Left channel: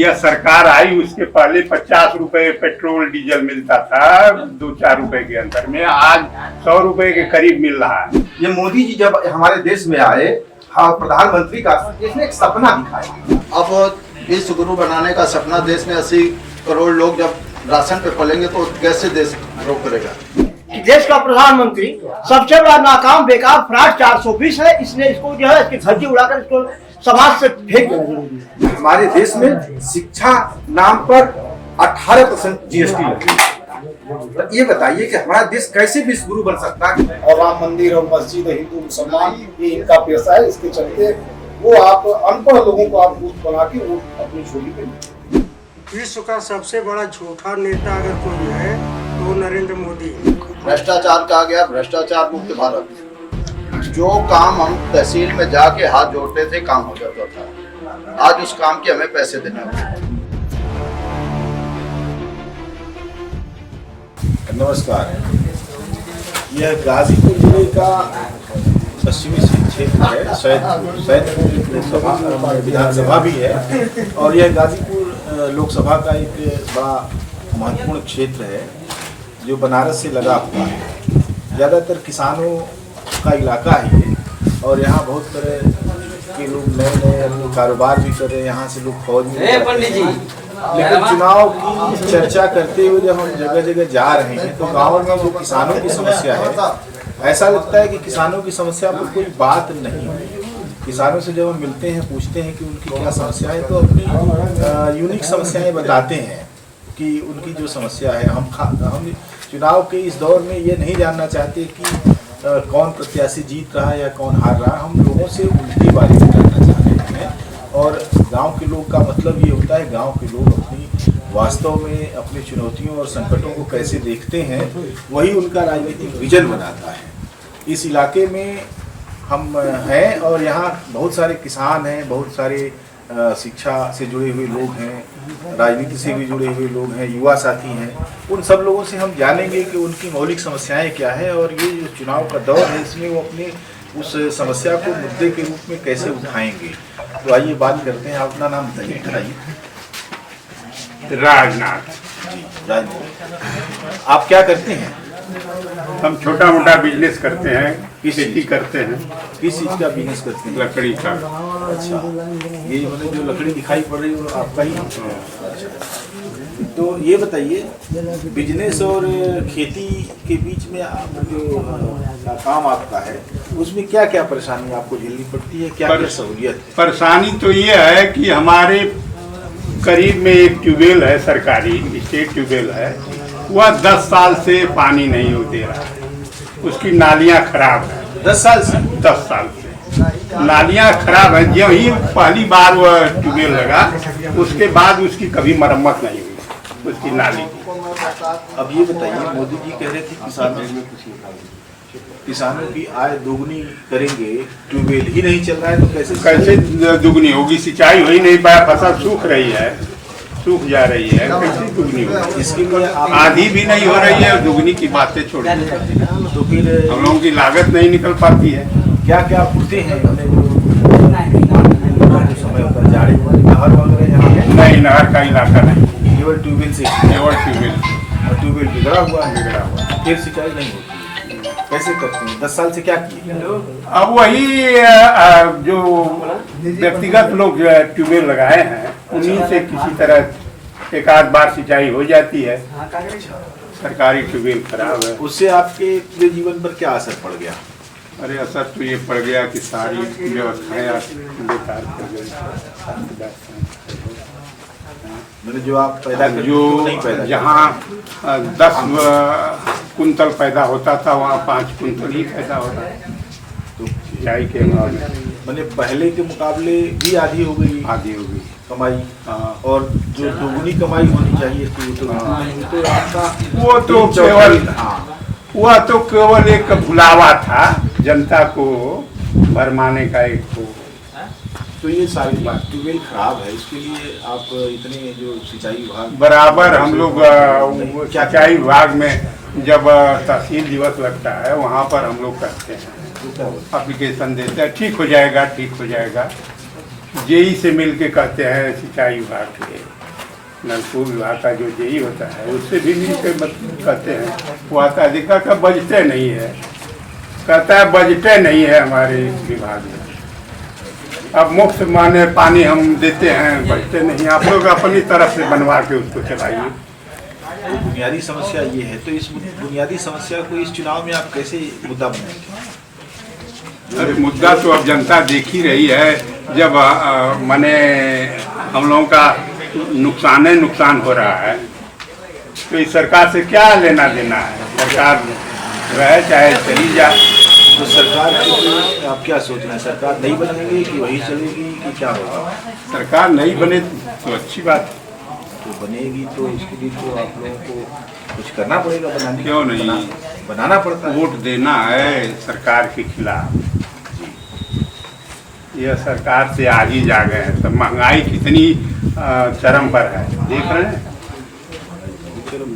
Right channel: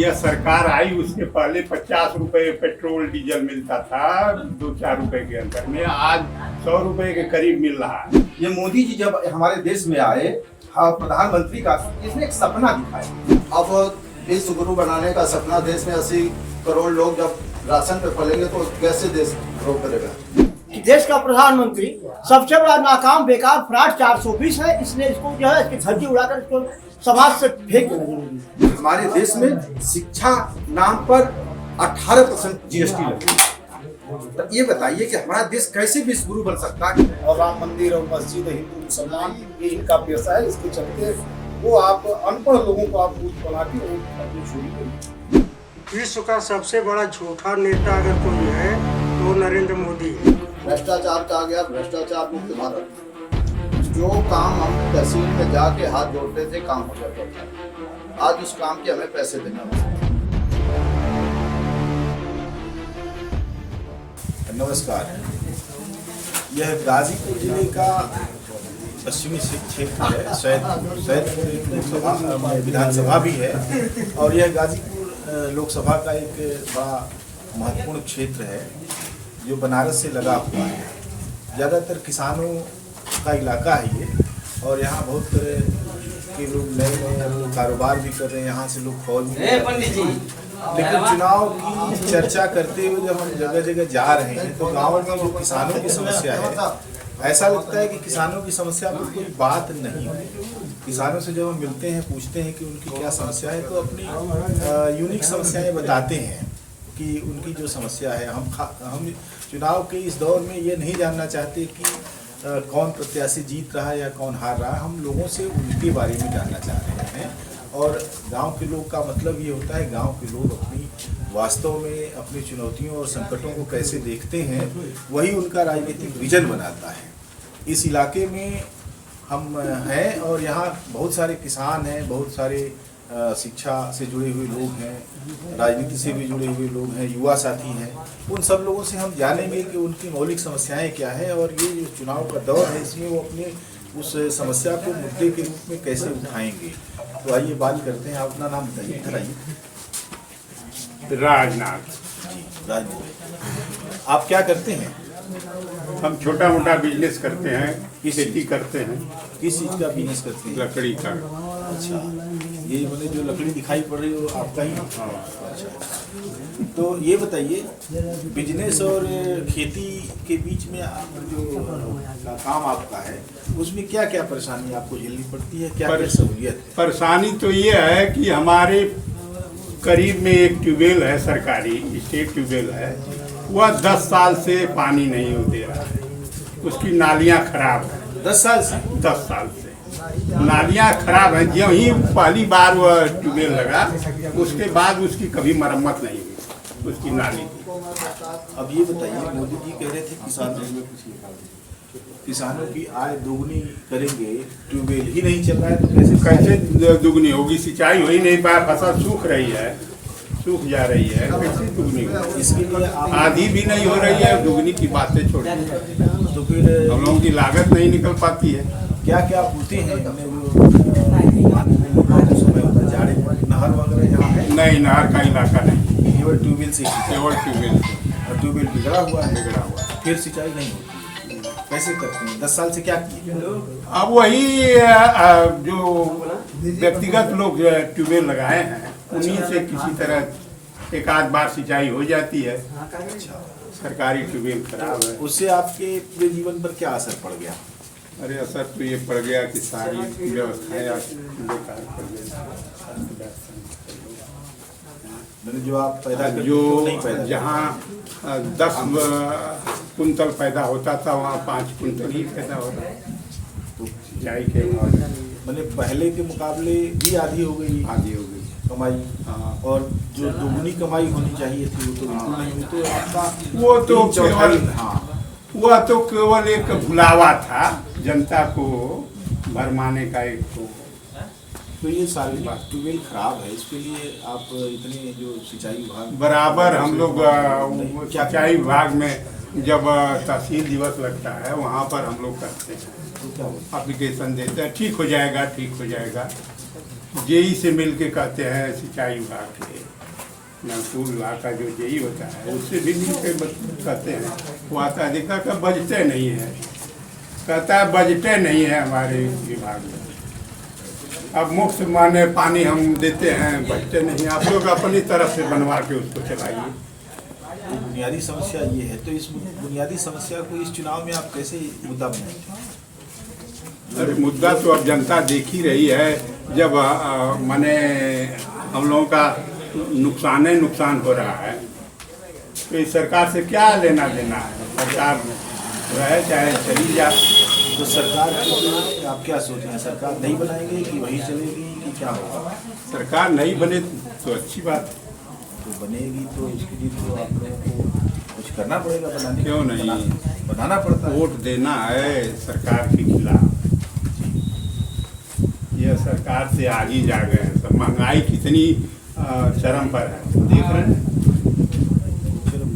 यह सरकार आई उसके पहले 50 रुपए पेट्रोल डीजल मिलता था 2-4 रुपए के अंदर में, आज 100 रुपए के करीब मिल रहा है। ये मोदी जी जब हमारे देश में आए, हाँ, प्रधानमंत्री का इसने एक सपना दिखाया। अब विश्व गुरु बनाने का सपना, देश में 80 करोड़ लोग जब राशन पे पलेंगे तो कैसे देश ग्रो करेगा। देश का प्रधानमंत्री सबसे बड़ा नाकाम बेकार फ्रॉड 420 है, इसने इसको जो है इसकी धज्जी उड़ाकर इसको समाज से फेंक देना। हमारे देश में शिक्षा नाम पर 18% जीएसटी लगी। तो ये बताइए कि हमारा देश कैसे विश्व गुरु बन सकता है। और राम मंदिर और मस्जिद, हिंदू मुसलमान ये इनका पेशा है, इसके चलते वो आप अनपढ़ लोगों को आप बूथ बना के वो अपनी छोड़ी करें। विश्व का सबसे बड़ा झूठा नेता अगर कोई है तो वो नरेंद्र मोदी है। भ्रष्टाचार कहा गया, भ्रष्टाचार मुक्त भारत। जो काम हम तहसील में जाके हाथ जोड़ते थे काम हो जाता था, आज उस काम के हमें पैसे देना होगा। नमस्कार, यह गाजीपुर जिले का पश्चिमी क्षेत्र है। सैदपुर लोकसभा विधानसभा भी है और यह गाजीपुर लोकसभा का एक बड़ा महत्वपूर्ण क्षेत्र है जो बनारस से लगा हुआ है। ज़्यादातर किसानों का इलाका है ये और यहाँ बहुत तरह के लोग नए नए अपने कारोबार भी कर रहे हैं। यहाँ से लोग फौज में लेकिन चुनाव की चर्चा करते हुए जब हम जगह जगह जा रहे हैं तो गाँव में जो किसानों की समस्या है, ऐसा लगता है कि किसानों की समस्या पर कोई बात नहीं हुई। किसानों से जब हम मिलते हैं, पूछते हैं कि उनकी क्या समस्या है, तो अपनी यूनिक समस्याएं बताते हैं कि उनकी जो समस्या है। हम चुनाव के इस दौर में ये नहीं जानना चाहते कि कौन प्रत्याशी जीत रहा है या कौन हार रहा है। हम लोगों से उनकी बारे में जानना चाह रहे हैं और गांव के लोग का मतलब ये होता है, गांव के लोग अपनी वास्तव में अपनी चुनौतियों और संकटों को कैसे देखते हैं, वही उनका राजनीतिक विजन बनाता है। इस इलाके में हम हैं और यहाँ बहुत सारे किसान हैं, बहुत सारे शिक्षा से जुड़े हुए लोग हैं, राजनीति से भी जुड़े हुए लोग हैं, युवा साथी हैं। उन सब लोगों से हम जानेंगे कि उनकी मौलिक समस्याएं क्या हैं और ये जो चुनाव का दौर है इसमें वो अपने उस समस्या को मुद्दे के रूप में कैसे उठाएंगे। तो आइए बात करते हैं। अपना नाम बताइए। राजनाथ जी, राजनाथ। आप क्या करते हैं? हम छोटा मोटा बिजनेस करते हैं, खेती करते हैं। किस चीज़ का बिजनेस करते हैं? लकड़ी का। अच्छा, ये मतलब जो लकड़ी दिखाई पड़ रही है वो आपका ही? अच्छा, तो ये बताइए बिजनेस और खेती के बीच में आप जो काम आपका है उसमें क्या क्या परेशानी आपको झेलनी पड़ती है, क्या क्या सहूलियत? परेशानी तो ये है कि हमारे करीब में एक ट्यूबवेल है, सरकारी स्टेट ट्यूबवेल है, वह 10 साल से पानी नहीं दे रहा है। उसकी नालियाँ खराब है। 10 साल से? 10 साल से नालियाँ खराब है। जब ही पहली बार वह ट्यूबवेल लगा उसके बाद उसकी कभी मरम्मत नहीं हुई उसकी नाली की। अब ये बताइए, मोदी जी कह रहे थे किसानों की आय दोगुनी करेंगे, ट्यूबवेल ही नहीं चल रहा है तो कैसे दुगनी होगी? सिंचाई हो ही नहीं पाया, फसल सूख रही है, सूख जा रही है, कैसे दुगनी होगी? इसके लिए आप आधी भी नहीं हो रही है और दुगनी की बातें छोड़ दी। तो फिर हम लोगों की लागत नहीं निकल पाती है। क्या क्या पूछते हैं अपने जो समय होता है जाड़े में? नहर वगैरह यहाँ है? नहीं, नहर का इलाका नहीं, केवल ट्यूबवेल से? केवल ट्यूबवेल। और ट्यूबवेल बिगड़ा हुआ है, फिर सिंचाई नहीं होती। कैसे करते हैं? 10 साल से क्या किए? अब वही जो व्यक्तिगत लोग ट्यूबवेल लगाए हैं उन्हीं से किसी तरह एक आध बार सिंचाई हो जाती है। सरकारी ट्यूबवेल खराब है। उससे आपके पूरे जीवन पर क्या असर पड़ गया? अरे असर तो ये पड़ गया कि सारी व्यवस्थाएं बेकार कर गई। मैंने जो आप पैदा करते जो नहीं पैदा जहाँ 10 कुंतल पैदा होता था वहाँ 5 कुंतल ही पैदा होता है सिंचाई के बाद। मैंने पहले के मुकाबले भी आधी हो गई कमाई। और जो दोगुनी कमाई होनी चाहिए थी तो आपका वह तो केवल एक भुलावा था जनता को भरमाने का एक। तो ये सारी बात ट्यूबवेल खराब है, इसके लिए आप इतने जो सिंचाई विभाग बराबर हम लोग सिंचाई विभाग में जब तहसील दिवस लगता है वहाँ पर हम लोग करते हैं, एप्लीकेशन देते हैं, ठीक हो जाएगा ठीक हो जाएगा। जेई से मिल के कहते हैं सिंचाई विभाग के, नलकूप विभाग का जो जेई होता है उससे भी मिल के कहते हैं। वो आता अधिकार का बजटे नहीं है, कहता है बजटे नहीं है हमारे विभाग में। अब मुफ्त माने पानी हम देते हैं, बजटे नहीं, आप लोग अपनी तरफ से बनवा के उसको चलाइए। तो बुनियादी समस्या ये है, तो इस बुनियादी समस्या को इस चुनाव में आप कैसे मुद्दा बनाएंगे? अरे मुद्दा तो अब जनता देख ही रही है। जब माने हम लोगों का नुकसान हो रहा है तो इस सरकार से क्या लेना देना है? सरकार रहे चाहे चली जाए। तो सरकार के लिए आप क्या सोच रहे हैं? सरकार नहीं बनेगी कि वही चलेगी कि क्या होगा? सरकार नहीं बने तो अच्छी बात, तो बनेगी तो इसके लिए तो आप लोगों को कुछ करना पड़ेगा, बनाने क्यों नहीं? बनाना पड़ता है। वोट देना है सरकार के खिलाफ। यह सरकार से आज ही जा गए हैं। सब महंगाई कितनी चरम पर है, देख रहे हैं।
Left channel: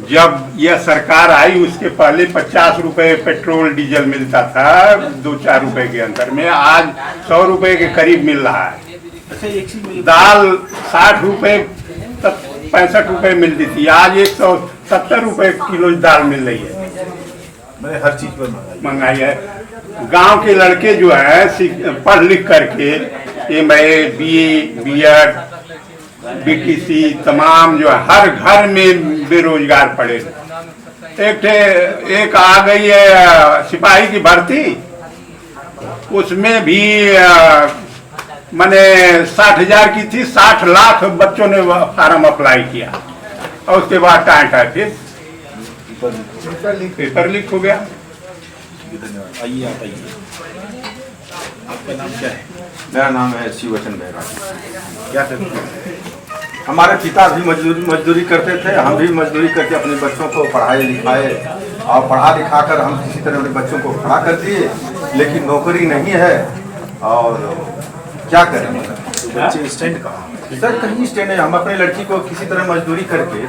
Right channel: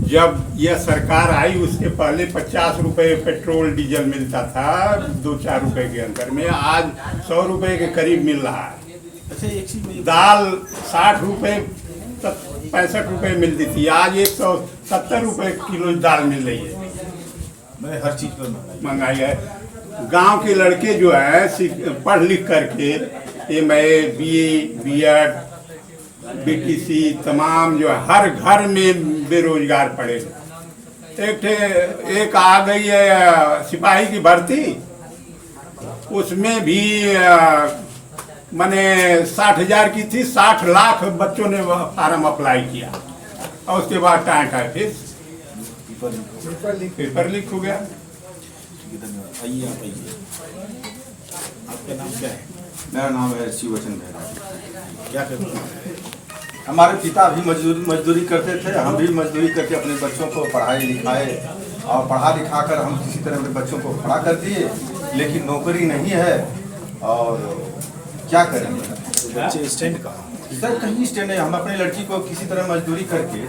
जब यह सरकार आई उसके पहले 50 रुपए पेट्रोल डीजल मिलता था 2-4 रुपए के अंतर में, आज 100 रुपए के करीब मिल रहा है। अच्छा, एक चीज मुझे दाल 60 रुपए 65 रुपए मिलती थी, आज 170 रुपए किलो दाल मिल रही है। मैंने हर चीज पर महंगाई है। गांव के लड़के जो है पढ़ लिख करके MA BA BEd BTC तमाम जो है हर घर में बेरोजगार पड़े। एक आ गई है सिपाही की भर्ती, उसमें भी मैंने 60,000 की थी, 60 लाख बच्चों ने फार्म अप्लाई किया और उसके बाद टाइम फिर पेपर लीक हो गया। धन्यवाद। आइए आप आइए, आपका नाम क्या है? मेरा नाम है शिवचन बैराग। क्या करते हैं? हमारे पिता भी मजदूरी करते थे, हम भी मजदूरी करके अपने बच्चों को पढ़ाए लिखाए और पढ़ा लिखा कर हम किसी तरह अपने बच्चों को खड़ा कर दिए, लेकिन नौकरी नहीं है और क्या करें। तो बच्चे स्टैंड कहाँ? सर कहीं स्टैंड है। हम अपनी लड़की को किसी तरह मजदूरी करके,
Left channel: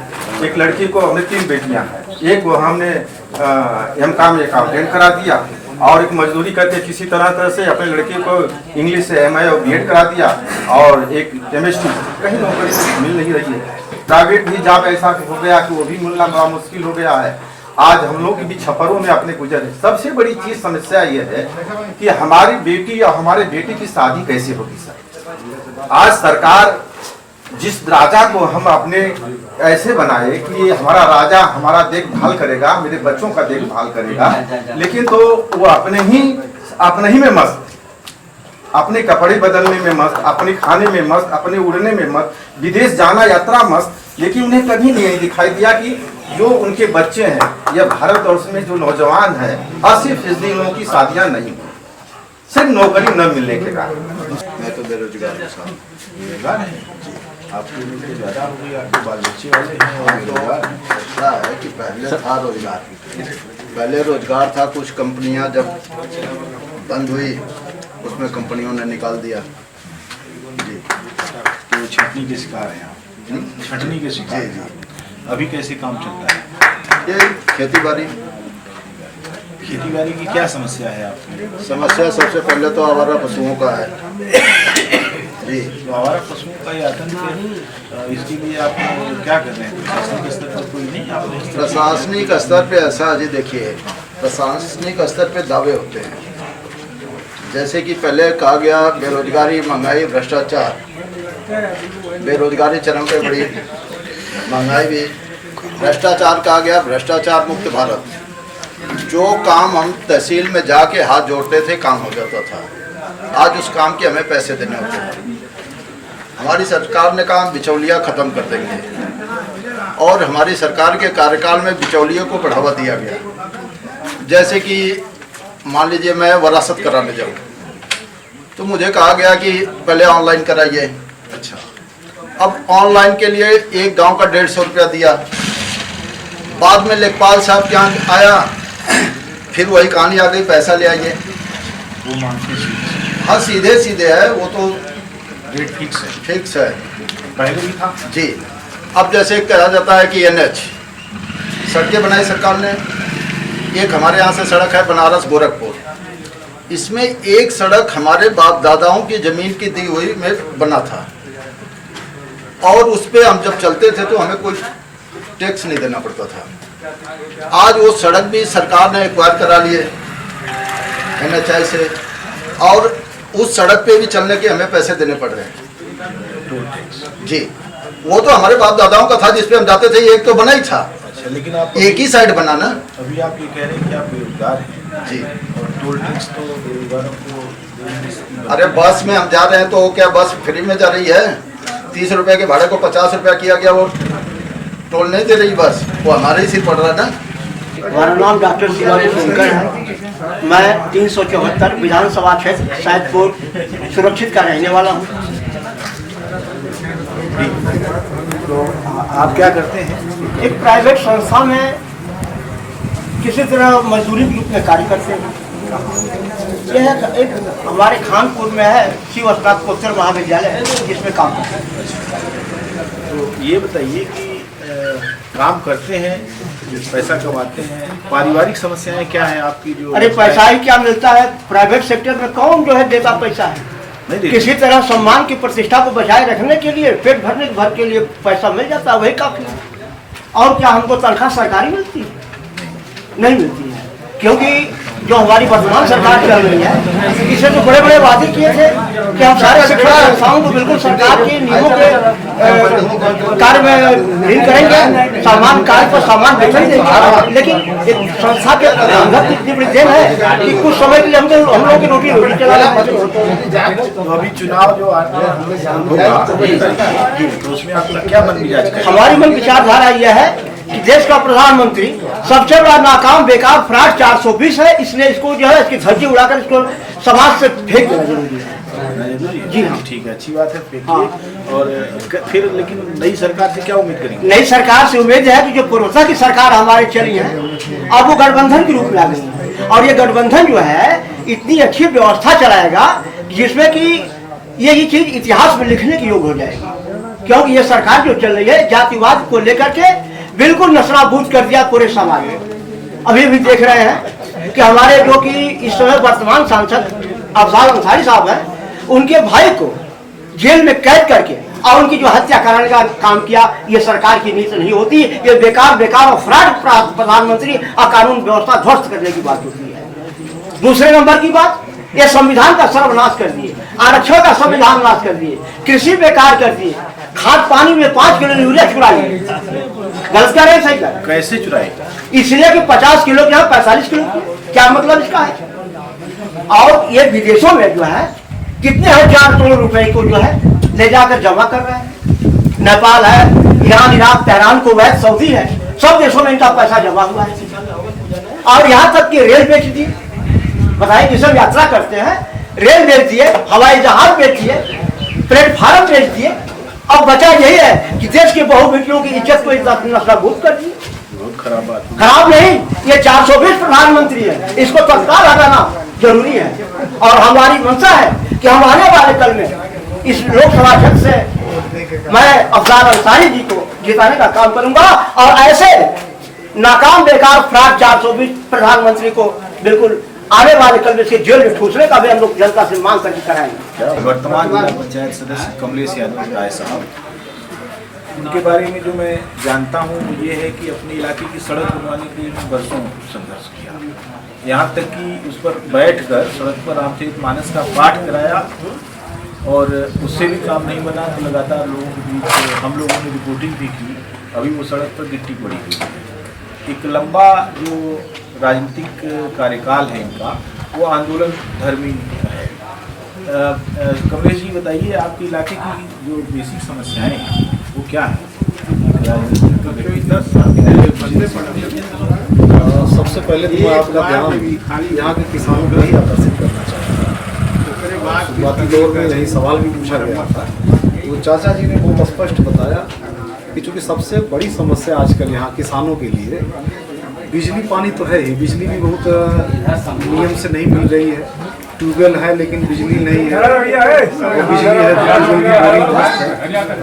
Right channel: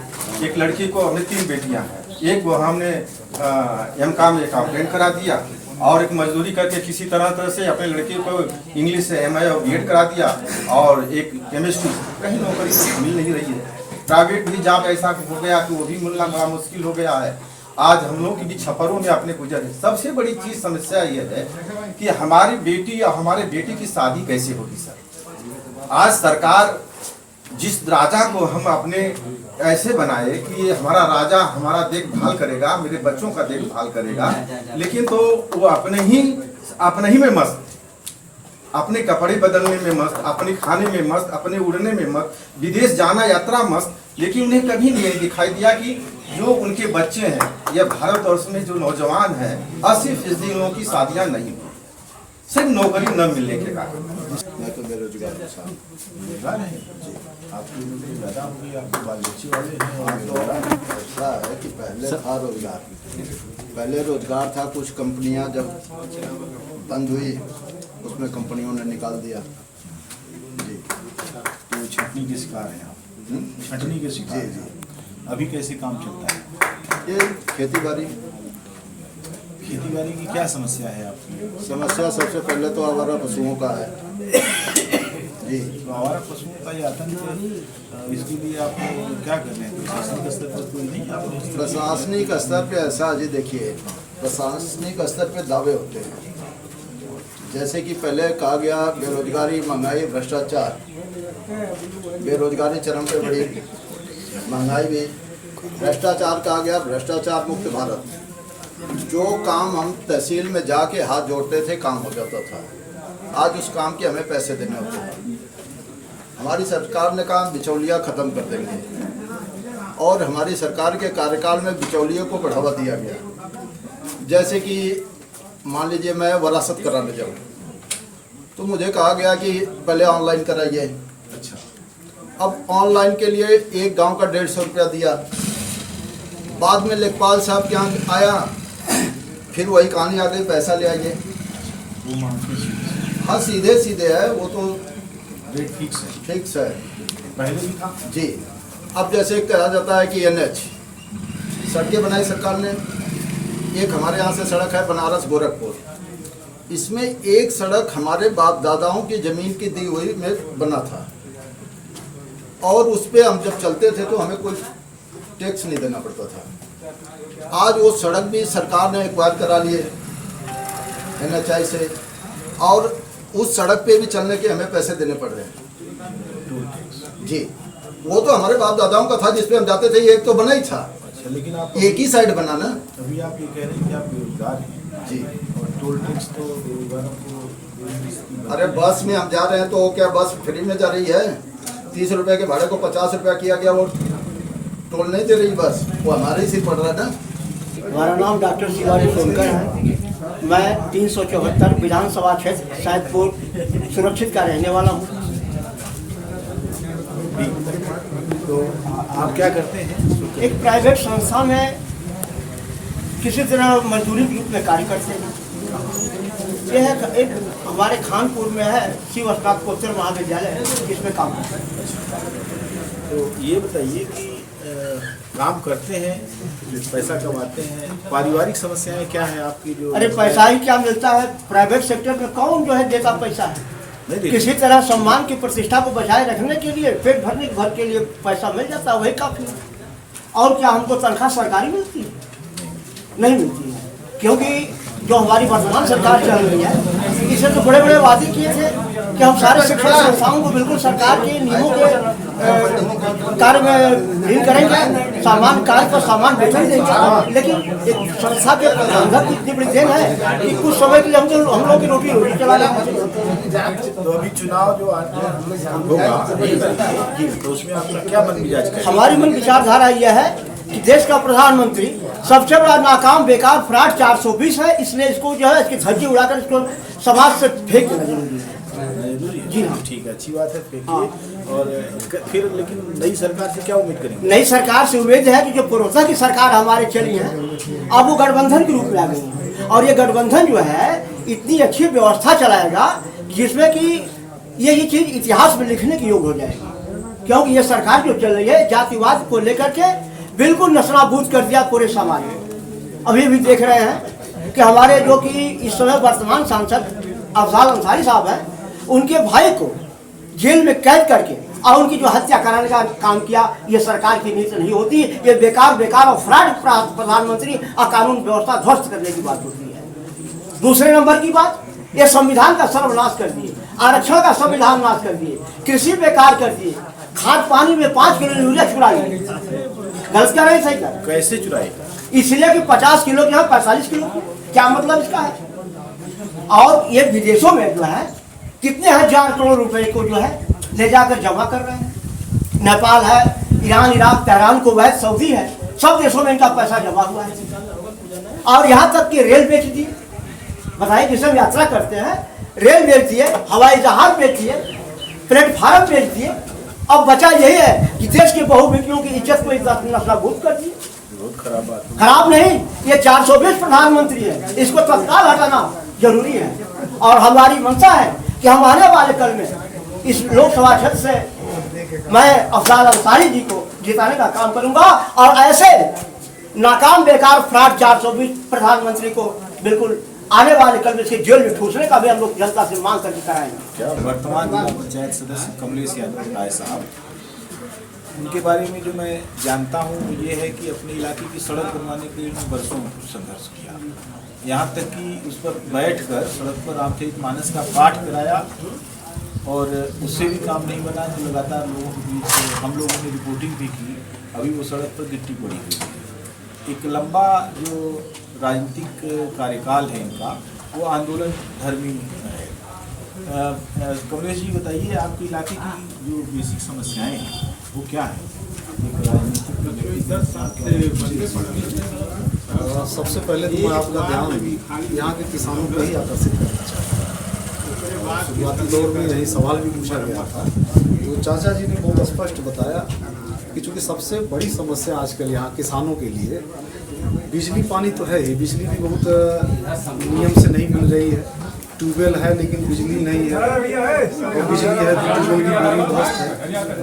एक लड़की को, हमने 3 बेटियां हैं, एक को हमने MCOM अकाउंटेंट करा दिया और एक मजदूरी करके किसी तरह से अपने लड़की को इंग्लिश से MA और BEd करा दिया और एक केमिस्ट्री। कहीं नौकरी मिल नहीं रही है। प्राइवेट भी जॉब ऐसा हो गया कि वो भी मिलना बड़ा मुश्किल हो गया है। आज हम लोग भी छप्परों में अपने गुजर है। सबसे बड़ी चीज समस्या ये है कि हमारी बेटी या हमारे बेटे की शादी कैसे होगी सर। आज सरकार जिस राजा को हम अपने ऐसे बनाए कि ये हमारा राजा हमारा देखभाल करेगा, मेरे बच्चों का देखभाल करेगा, लेकिन तो वो अपने ही में मस्त, अपने कपड़े बदलने में मस्त, अपने खाने में मस्त, अपने उड़ने में मस्त, विदेश जाना यात्रा मस्त, लेकिन उन्हें कभी नहीं दिखाई दिया कि जो उनके बच्चे हैं या भारतवर्ष में जो नौजवान है 80% लोगों की शादियां नहीं हुई, सिर्फ नौकरी न मिलने के कारण। मैं तो बेरोजगार हूँ साहब। बेरोजगार है? आपकी उम्र ज़्यादा हो गई, आपके बाल बच्चे वाले हैं और बेरोजगार हैं। ऐसा है कि पहले था रोजगार, पहले रोजगार था। कुछ कंपनियां जब बंद हुई उसमें कंपनियों ने निकाल दिया जी। तो छटनी के शिकार हैं आप? छटनी के शिकार? जी जी। अभी कैसे काम चलता है? ये खेती बाड़ी की क्या समस्या है आपकी? समस्या सबसे पहले तो आवारा पशुओं का है जी। तो आवारा पशुओं का ये आतंक है, इसके लिए आप क्या कर रहे हैं? प्रशासनिक स्तर पर कोई नहीं? आपने प्रशासनिक स्तर पे ऐसा जी देखिए, प्रशासनिक स्तर पे दावे होते हैं, जैसे कि पहले कहा गया बेरोजगारी, महंगाई, भ्रष्टाचार। बेरोजगारी चरम पे बढ़ी, महंगाई भी, भ्रष्टाचार कहा गया भ्रष्टाचार मुक्त भारत। जो काम हम तहसील में जाके हाथ जोड़ते थे काम हो जाता था, आज उस काम के हमें पैसे देने होते हैं। हमारी सरकार ने कहा बिचौलिया खत्म कर देंगे और हमारी सरकार के कार्यकाल में बिचौलियों को बढ़ावा दिया गया। जैसे कि मान लीजिए मैं वरासत कराने जाऊँ तो मुझे कहा गया कि पहले ऑनलाइन कराइए। अच्छा, अब ऑनलाइन के लिए एक गांव का 150 रुपया दिया। बाद में लेखपाल साहब क्या आया, फिर वही कहानी आ गई, पैसा ले आइए। वो मांगते हाँ सीधे सीधे है, वो तो रेट फिक्स है। फिक्स है पहले भी था जी। अब जैसे कहा जाता है कि NH सड़कें बनाई सरकार ने। एक हमारे यहाँ से सड़क है बनारस गोरखपुर, इसमें एक सड़क हमारे बाप दादाओं की जमीन की दी हुई में बना था और उस पे हम जब चलते थे तो हमें कोई टैक्स नहीं देना पड़ता था। आज वो सड़क भी सरकार ने एक्वायर करा लिए NHI से और उस सड़क पे भी चलने के हमें पैसे देने पड़ रहे हैं जी। वो तो हमारे बाप दादाओं का था जिसपे हम जाते थे, एक तो बना ही था। अच्छा, लेकिन आप एक ही साइड बना ना अभी आप ये कह रहे हैं कि आप बेरोजगार हैं जी। और टोल टैक्स तो बेरोजगारों को अरे बस में हम जा रहे हैं तो क्या बस फ्री में जा रही है? 30 रुपए के भाड़े को 50 रुपया किया गया, वो टोल नहीं दे रही बस, वो हमारे ही सिर पड़ रहा है ना। हमारा नाम डॉक्टर शिवाजी सोनकर है। मैं 374 विधानसभा क्षेत्र सैदपुर सुरक्षित का रहने वाला हूँ। तो आप क्या करते हैं? एक प्राइवेट संस्था में किसी तरह मजदूरी के रूप में कार्य करते हैं। यह एक हमारे खानपुर में है शिव स्नातकोत्तर महाविद्यालय, जिसमें काम करते हैं। तो ये बताइए कि काम करते हैं, पैसा कमाते हैं, पारिवारिक समस्याएं क्या है आपकी? जो अरे पैसा ही क्या मिलता है? प्राइवेट सेक्टर में कौन जो है देता पैसा है? नहीं देते। किसी तरह सम्मान की प्रतिष्ठा को बचाए रखने के लिए, पेट भरने भर के लिए पैसा मिल जाता है, वही काफी है। और क्या हमको तनख्वाह सरकारी मिलती है? नहीं मिलती है, क्योंकि जो हमारी वर्तमान सरकार चल रही है, इसे तो बड़े बड़े वादे किए थे कि हम सारे शिक्षा संस्थाओं को बिल्कुल सरकार के नियमों के कार्य में लीन करेंगे, सामान कार्य पर सामान वेतन देंगे। लेकिन एक संस्था के प्रबंधक की इतनी बड़ी देन है कि कुछ समय के लिए हम लोग की रोटी चलाना। तो अभी चुनाव जो होगा तो उसमें आपका क्या मन मिजाज है? हमारी मन विचारधारा यह है कि देश का प्रधानमंत्री सबसे बड़ा नाकाम बेकार फ्रॉड 420 है, इसलिए इसको जो है इसकी धज्जी उड़ाकर इसको समाज से फेंक देना जरूरी है। जी हाँ, ठीक है, अच्छी बात है, फेंकिए। और फिर लेकिन नई सरकार से क्या उम्मीद करेंगे? नई सरकार से उम्मीद है कि जो पूर्वता की सरकार हमारी चली है, अब वो गठबंधन के रूप में आ गई है और ये गठबंधन जो है इतनी अच्छी व्यवस्था चलाएगा जिसमें कि ये चीज इतिहास में लिखने की योग हो जाएगी। क्योंकि ये सरकार जो चल रही है जातिवाद को लेकर के बिल्कुल नस्राबूद कर दिया पूरे समाज में। अभी भी देख रहे हैं कि हमारे जो कि इस समय वर्तमान सांसद अफजाल अंसारी साहब हैं, उनके भाई को जेल में कैद करके और उनकी जो हत्या कराने का काम किया, ये सरकार की नीति नहीं होती। ये बेकार और फ्रॉड प्रधानमंत्री और कानून व्यवस्था ध्वस्त करने की बात होती है। दूसरे नंबर की बात, ये संविधान का सर्वनाश कर दिए, आरक्षण का संविधान नाश कर दिए, कृषि बेकार कर दिए, खाद पानी में 5 किलो यूरिया चुरा लिया। गलत कर रहे, सही कर? कैसे चुराएगा? इसलिए कि 50 किलो के यहाँ 45 किलो, क्या मतलब इसका है? और ये विदेशों में जो है कितने हजार करोड़ रुपए को जो है ले जाकर जमा कर रहे हैं। नेपाल है, Iran, Iraq, Tehran, Kuwait, Saudi है, सब देशों में इनका पैसा जमा हुआ है। और यहाँ तक कि रेल बेच दिए। बताइए, जिसे यात्रा करते हैं रेल बेच दिए, हवाई जहाज बेच दिए, प्लेटफार्म बेच दिए। अब बचा यही है कि देश के बहुबेटियों की इज्जत को नस्राबूद कर दिए। खराब बात। खराब नहीं, ये 420 प्रधानमंत्री है, इसको तत्काल हटाना जरूरी है। और हमारी मंशा है कि हम आने वाले कल में इस लोकसभा क्षेत्र से मैं अफजाल अंसारी जी को जिताने का काम करूंगा और ऐसे नाकाम बेकार फ्रॉड 420 प्रधानमंत्री को बिल्कुल आने वाले कल में इसके जेल में ठूसने का भी हम लोग जनता से मांग करके कराएंगे। वर्तमान जिला पंचायत सदस्य कमलेश यादव राय साहब, उनके बारे में जो मैं जानता हूँ वो ये है कि अपने इलाके की सड़क बनवाने के लिए बरसों संघर्ष किया, यहाँ तक कि उस पर बैठकर सड़क पर रामचरितमानस का पाठ कराया और उससे भी काम नहीं बना तो लगातार लोगों के बीच हम लोगों ने रिपोर्टिंग भी की। अभी वो सड़क पर गिट्टी पड़ी हुई है। एक लंबा जो राजनीतिक कार्यकाल है इनका, वो आंदोलन धर्मी है। कमलेश जी बताइए, आपके इलाके की जो बेसिक समस्याएं हैं वो क्या है? सबसे पहले तो मैं आपका ध्यान यहाँ के किसानों पर ही आकर्षित करना चाहता हूँ। शुरुआती दौर में यही सवाल भी पूछा गया था, तो चाचा जी ने बहुत स्पष्ट बताया कि चूँकि सबसे बड़ी समस्या आजकल यहाँ किसानों के लिए बिजली पानी तो है ही, बिजली भी बहुत नियम से नहीं मिल रही है। ट्यूबवेल है लेकिन बिजली नहीं है, और बिजली है तो ट्यूबवेल की बोरिंग है।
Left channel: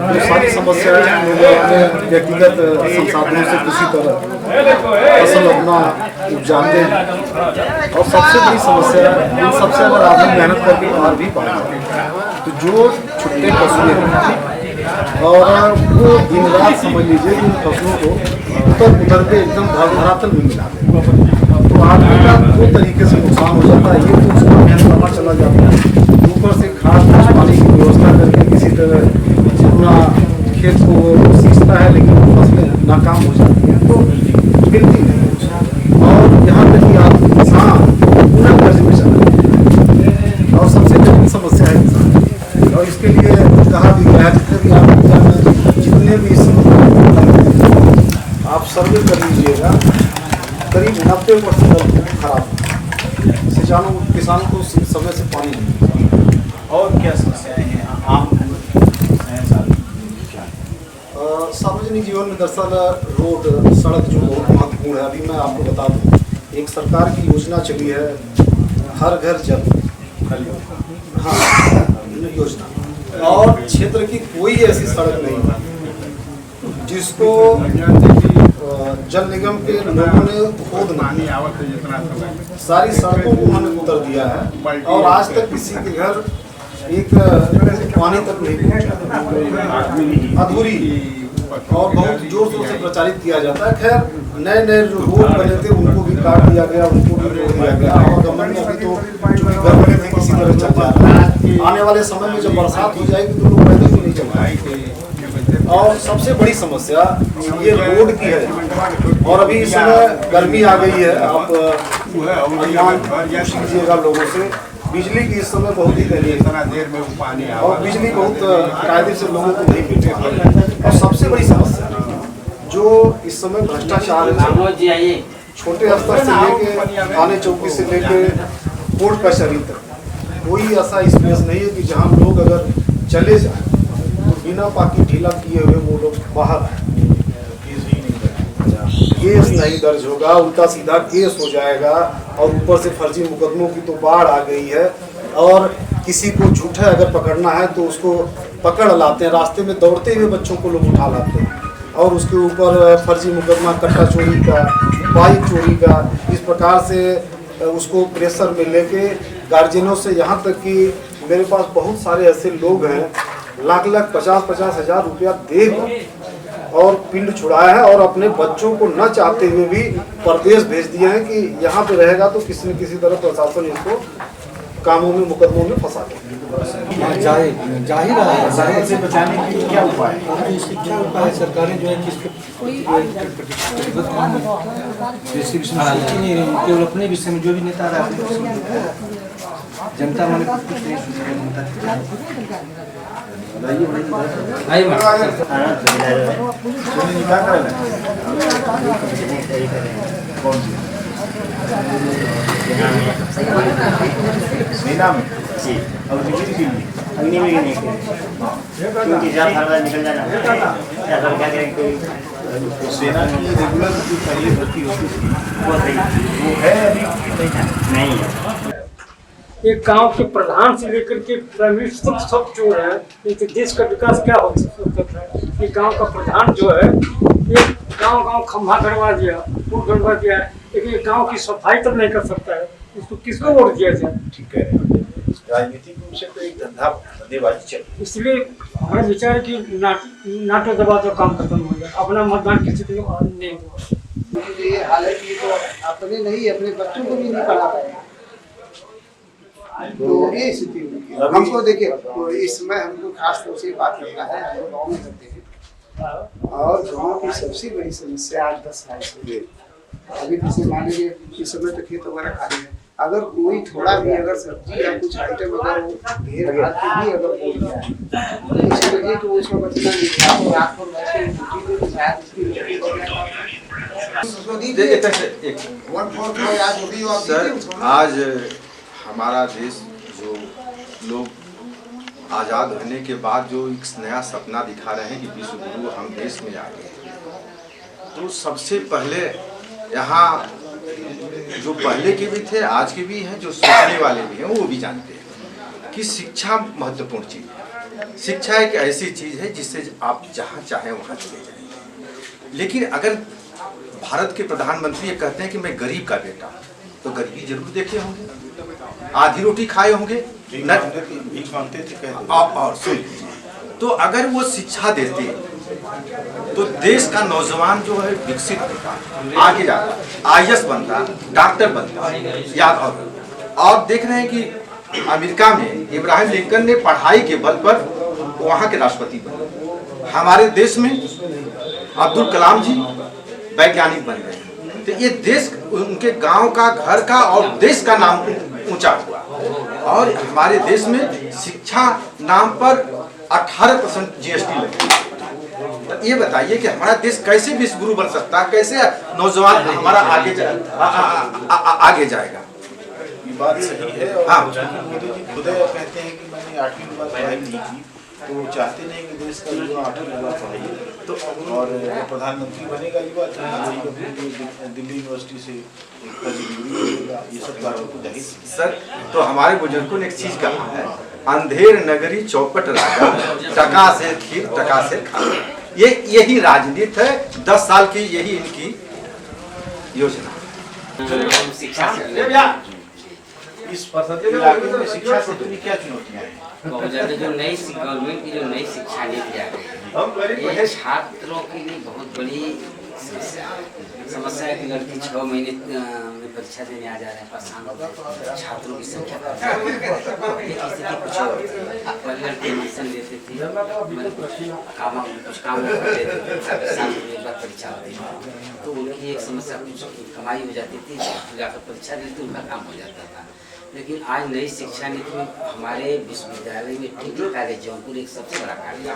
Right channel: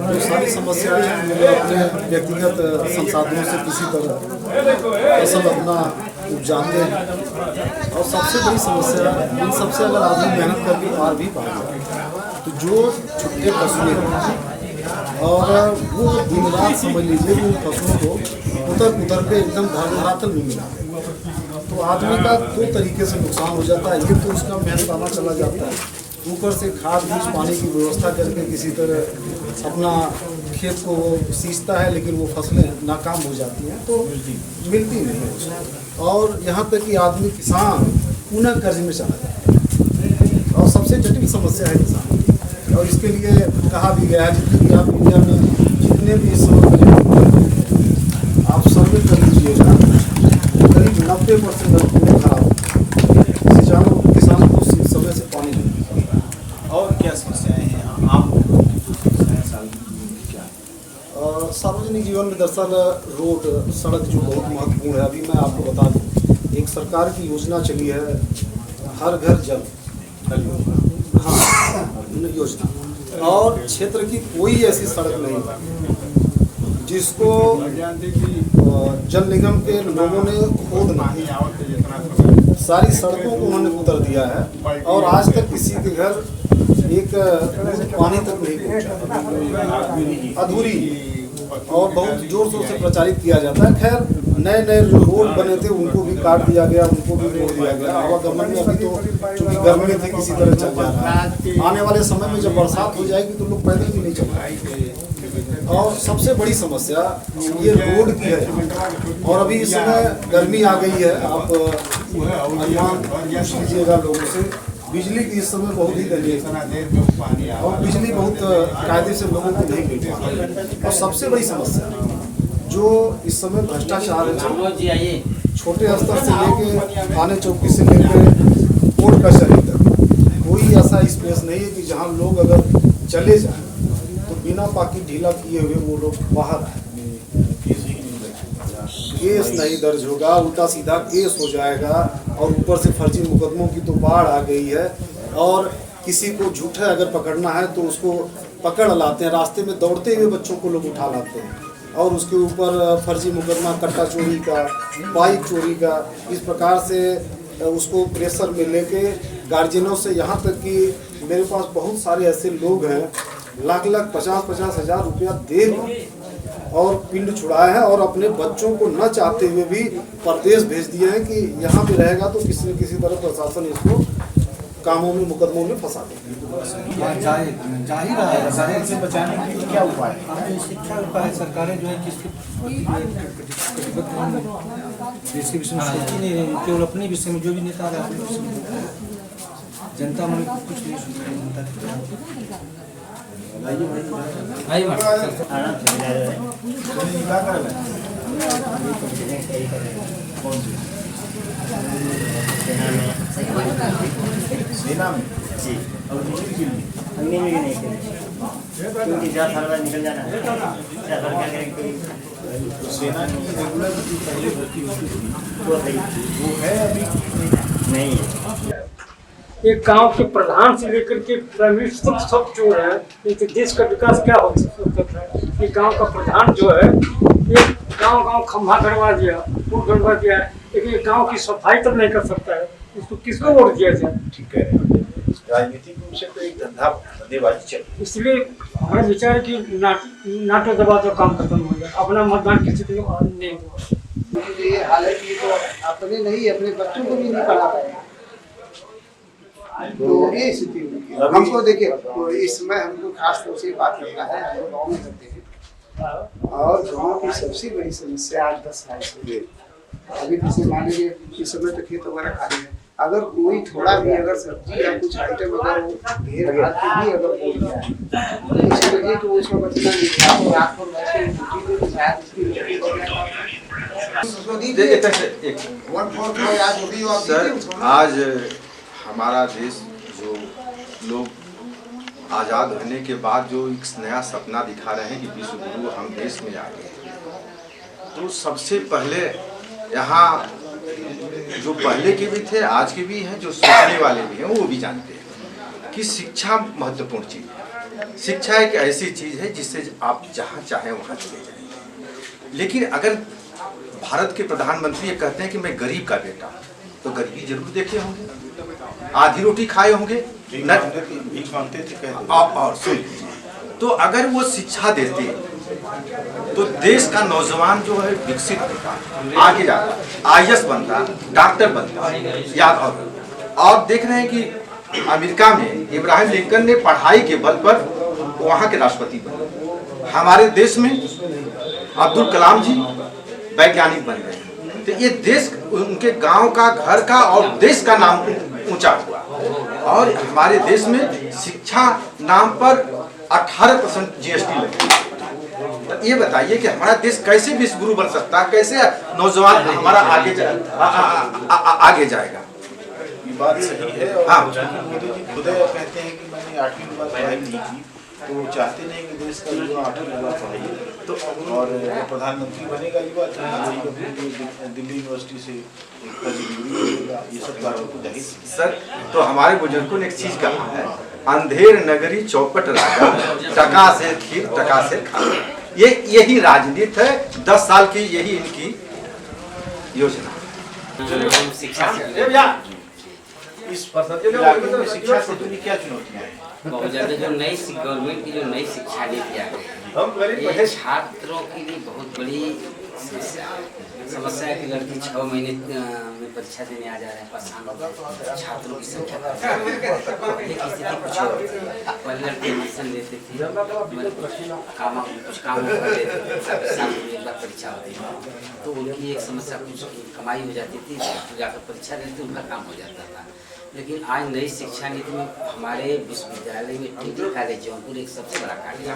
तो सारी समस्याएं लोग अपने व्यक्तिगत संसाधनों से किसी तरह फसल अपना उपजाते हैं। और सबसे बड़ी समस्या इन सबसे अगर आदमी मेहनत करके पार भी पाए तो जो छुट्टे फसलें हैं और वो दिन रात समझ लीजिए कि फसलों को उतर के एकदम धरातल में मिला दें, तो आदमी का दो तरीके से नुकसान हो जाता है। ये तो उसका मेहनताना चला जाता है, ऊपर से खाद पानी की व्यवस्था करके किसी तरह अपना खेत को सींचता है, लेकिन वो फसलें नाकाम हो जाती हैं तो मिलती नहीं। और यहाँ तक कि आदमी किसान बिना कर्ज में चला जाए, और सबसे बड़ी समस्या है किसान। और इसके लिए कहा भी गया है जितने भी आप सर्वे कर लीजिएगा, करीब 90% खराब किसानों को समय से पानी नहीं। और क्या समस्याएं हैं आम सार्वजनिक जीवन में दरअसल रोड सड़क जो बहुत महत्वपूर्ण है। अभी मैं आपको बता दूँ, एक सरकार की योजना चली है हर घर जल योजना, और क्षेत्र की कोई ऐसी सड़क नहीं है जिसको जल निगम के लोगों ने खोद नहीं, सारी सड़कों को उन्होंने उतर दिया है और आज तक किसी के घर एक पानी तक नहीं, अधूरी और बहुत जोर शोर से प्रचारित किया जाता है। खैर नए नए जो रोड बने थे उनको भी काट दिया गया, उनको भी रोक दिया गया, और गवर्नमेंट अभी तो गर्मी थी किसी तरह चल जा रहा है। आने वाले समय में जब बरसात हो जाएगी तो लोग पहले तो नहीं चल पाएंगे। और सबसे बड़ी समस्या ये रोड की है, और अभी इस समय गर्मी आ गई है। आप पूछ लीजिएगा लोगों से, बिजली की इस समय बहुत ही देरी है और बिजली बहुत कायदे से लोगों को नहीं मिल रही है। और सबसे बड़ी समस्या जो इस समय भ्रष्टाचार है, छोटे स्तर से लेके थाने चौकी से लेके कोर्ट कचहरी तक कोई ऐसा स्पेस नहीं है कि जहाँ लोग अगर चले जाए तो बिना पाकी ढीला किए हुए वो लोग बाहर आए। केस नहीं दर्ज होगा, उल्टा सीधा केस हो जाएगा, और ऊपर से फर्जी मुकदमों की तो बाढ़ आ गई है। और किसी को झूठा अगर पकड़ना है तो उसको पकड़ लाते हैं, रास्ते में दौड़ते हुए बच्चों को लोग उठा लाते हैं और उसके ऊपर फर्जी मुकदमा कट्टा चोरी का, बाइक चोरी का, इस प्रकार से उसको प्रेशर में लेके गार्जियनों से, यहाँ तक कि मेरे पास बहुत सारे ऐसे लोग हैं लाख 50-50 हज़ार रुपया देकर और पिंड छुड़ाया है और अपने बच्चों को न चाहते हुए भी परदेश भेज दिए हैं कि यहाँ पे रहेगा तो किसी न किसी तरह प्रशासन इसको कामों में मुकदमों में फंसा देगा। जाहिर से बचाने के लिए क्या उपाय है? इसके क्या उपाय है? सरकारें जो है किसके केवल अपने विषय में जो भी नेता रहा है जनता मैंने कुछ नहीं सुना। सेना में और बिजली के लिए अग्नि में नहीं क्योंकि निकल जाना तो सेना की रेगुलर जो पहले भर्ती होती थी वो है अभी नहीं है। एक गांव के प्रधान से लेकर के प्राइमरी सब जो है, एक देश का विकास क्या हो सकता है? ये गांव का प्रधान जो है, एक गांव खंभा गड़वा दिया, पुल गड़वा दिया, लेकिन गांव की सफाई तक नहीं कर सकता है, इसको किसको वोट दिया जाए? ठीक है, राजनीतिक रूप से तो एक धंधेबाजी चल रही है। इसलिए हमारा विचार है कि नाटो दबा तो काम खत्म हो जाए, अपना मतदान किसी को नहीं हुआ। ये हालांकि तो अपने नहीं, अपने बच्चों को भी नहीं पढ़ा पाएगा, तो ये स्थिति हमको देखिए। तो इस समय हमको खास तौर से बात करना है, हम लोग गाँव में करते हैं और गाँव की सबसे बड़ी समस्या आज 10 साल से अभी जैसे मान लीजिए इस समय तो खेत वगैरह खाली है, अगर कोई थोड़ा भी अगर सब्जी या कुछ आइटम अगर घेर घाट के भी अगर बोल गया तो इसी वजह तो उसका बचना नहीं था, तो रात को बैठे ड्यूटी में शायद इसकी सर, आज हमारा देश जो लोग आज़ाद होने के बाद जो एक नया सपना दिखा रहे हैं कि विश्व गुरु हम देश में आ गए, तो सबसे पहले यहाँ जो पहले के भी थे, आज के भी हैं, जो सोचने वाले भी हैं, वो भी जानते हैं कि शिक्षा महत्वपूर्ण चीज़ है। शिक्षा एक ऐसी चीज़ है जिससे आप जहाँ चाहें वहाँ चले जाएंगे। लेकिन अगर भारत के प्रधानमंत्री ये कहते हैं कि मैं गरीब का बेटा, तो गरीबी जरूर देखे होंगे, आधी रोटी खाए होंगे, और सुन लीजिए, तो अगर वो शिक्षा देते तो देश का नौजवान जो है विकसित होता, आगे जाता, IAS बनता, डॉक्टर बनता, याद और देख रहे हैं कि अमेरिका में इब्राहिम लिंकन ने पढ़ाई के बल पर वहाँ के राष्ट्रपति बने। हमारे देश में अब्दुल कलाम जी वैज्ञानिक बन गए। तो ये देश, उनके गांव का, घर का और देश का नाम ऊंचा हुआ। और हमारे देश में शिक्षा नाम पर 18% GST लगी। तो ये बताइए कि हमारा देश कैसे विश्वगुरु बन सकता है, कैसे नौजवान हमारा आगे जाएगा। ये बात सही है। और हाँ। मोदी जी खुद कहते हैं कि मैंने 8वीं के बाद पढ़ाई नहीं की, तो वो चाहते नहीं कि देश का युवा 8वीं के बाद पढ़ाई तो, और प्रधानमंत्री बनेगा युवा तो दिल्ली यूनिवर्सिटी से ये सब बातों को जाहिर। सर, तो हमारे बुजुर्गों ने एक चीज कहा है, अंधेर नगरी चौपट राजा, टका से खीर टका से खा। यही राजनीति है, 10 साल की यही इनकी योजना। शिक्षा इस इलाके में शिक्षा से जुड़ी क्या चुनौतियाँ हैं? बहुत ज्यादा जो नई गवर्नमेंट की जो नई शिक्षा नीति आ गई है, ये छात्रों के लिए बहुत बड़ी समस्या है कि लड़की 6 महीने में परीक्षा देने आ जा रहे हैं, परेशान हो गए। छात्रों की संख्या पहले की स्थिति कुछ और थी। पहले लड़के एडमिशन लेते थे, कुछ काम कर लेते थे, साल में एक बार परीक्षा होती थी, तो उनकी एक समस्या, कुछ कमाई हो जाती थी, जाकर परीक्षा देते उनका काम हो जाता था। लेकिन आज नई शिक्षा नीति में हमारे विश्वविद्यालय में टीटी कॉलेज जौनपुर एक सबसे बड़ा कॉलेज है,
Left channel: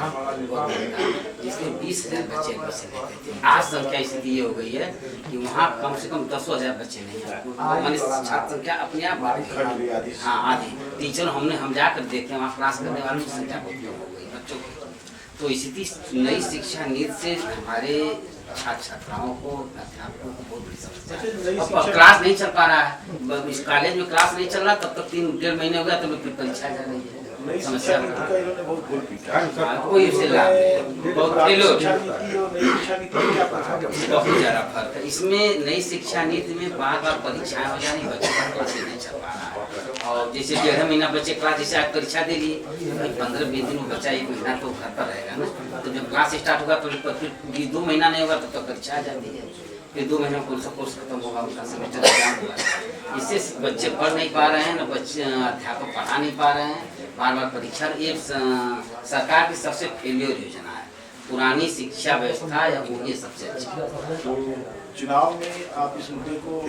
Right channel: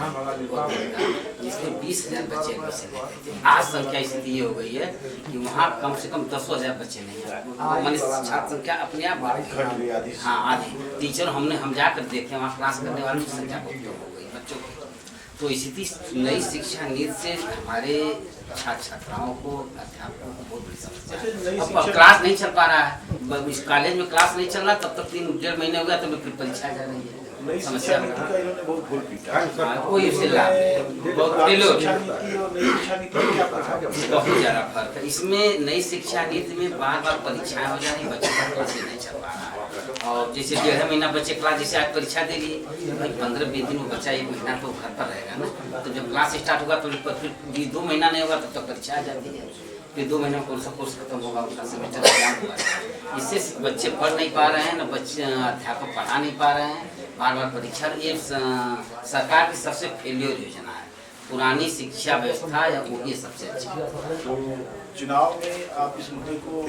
जिसमें 20,000 बच्चे एडमिशन लेते थे। आज संख्या स्थिति ये हो गई है कि वहाँ कम से कम 10,000 बच्चे नहीं है, मानी छात्र संख्या अपने आप बढ़ गई। हाँ, आधी टीचर हम जाकर देखे, वहाँ क्लास करने वालों की संख्या बहुत कम हो गई बच्चों की। तो स्थिति नई शिक्षा नीति से हमारे छात्र छात्राओं को, अध्यापकों को बहुत बड़ी समस्या है। क्लास नहीं चल पा रहा है, इस कॉलेज में क्लास नहीं चल रहा, तब तक 3-1.5 महीने हो गया, तब फिर परीक्षा जा रही है। समस्या कोई उससे लाभ नहीं, बहुत ज़्यादा फर्क है इसमें। नई शिक्षा नीति में बार बार परीक्षाएं हो जा रही, बच्चों का क्लास नहीं चल पा रहा है। और जैसे 1.5 महीना बच्चे क्लास, जैसे आज परीक्षा दे लिए, 15-20 दिन में बच्चा 1 महीना तो घर पर रहेगा ना, तो जब क्लास स्टार्ट होगा तो फिर 2 महीना नहीं होगा तब तक परीक्षा आ जाती है। फिर 2 महीने में कोर्स खत्म होगा, उनका सेमेस्टर एग्जाम होगा। इससे बच्चे पढ़ नहीं पा रहे हैं, न बच्चे अध्यापक पढ़ा नहीं पा रहे हैं, बार बार परीक्षा। ये सरकार की सबसे फेलियर योजना है। पुरानी शिक्षा व्यवस्था या वो ये सबसे अच्छी। तो चुनाव में आप इस मुद्दे को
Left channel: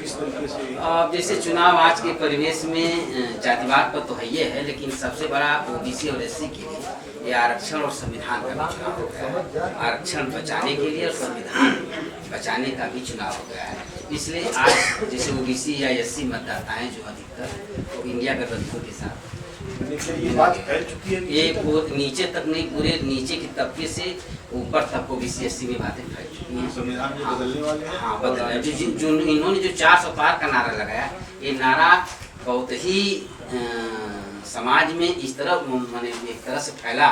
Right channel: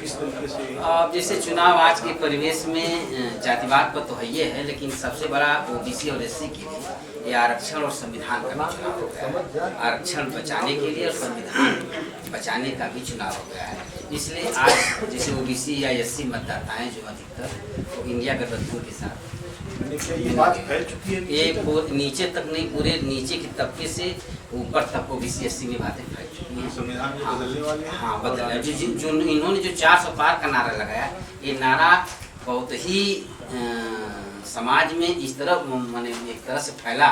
किस तरीके से? अब जैसे चुनाव आज के परिवेश में जातिवाद पर तो है ये है, लेकिन सबसे बड़ा OBC और SC के लिए ये आरक्षण और संविधान का भी चुनाव हो गया है। आरक्षण बचाने के लिए और संविधान बचाने का भी चुनाव हो गया है। इसलिए आज जैसे OBC या SC मतदाता हैं जो अधिकतर, वो इंडिया गठबंधन के साथ ये बात फैल चुकी है। ये नीचे तक नहीं, पूरे नीचे के तबके से ऊपर तक OBC SC में बातें फैल चुकी हैं। संविधान में बदलने वाले हैं। हाँ, बदल रहा है। जो इन्होंने जो 400 पार का नारा लगाया, ये नारा बहुत ही समाज में इस तरह माने एक तरह से फैला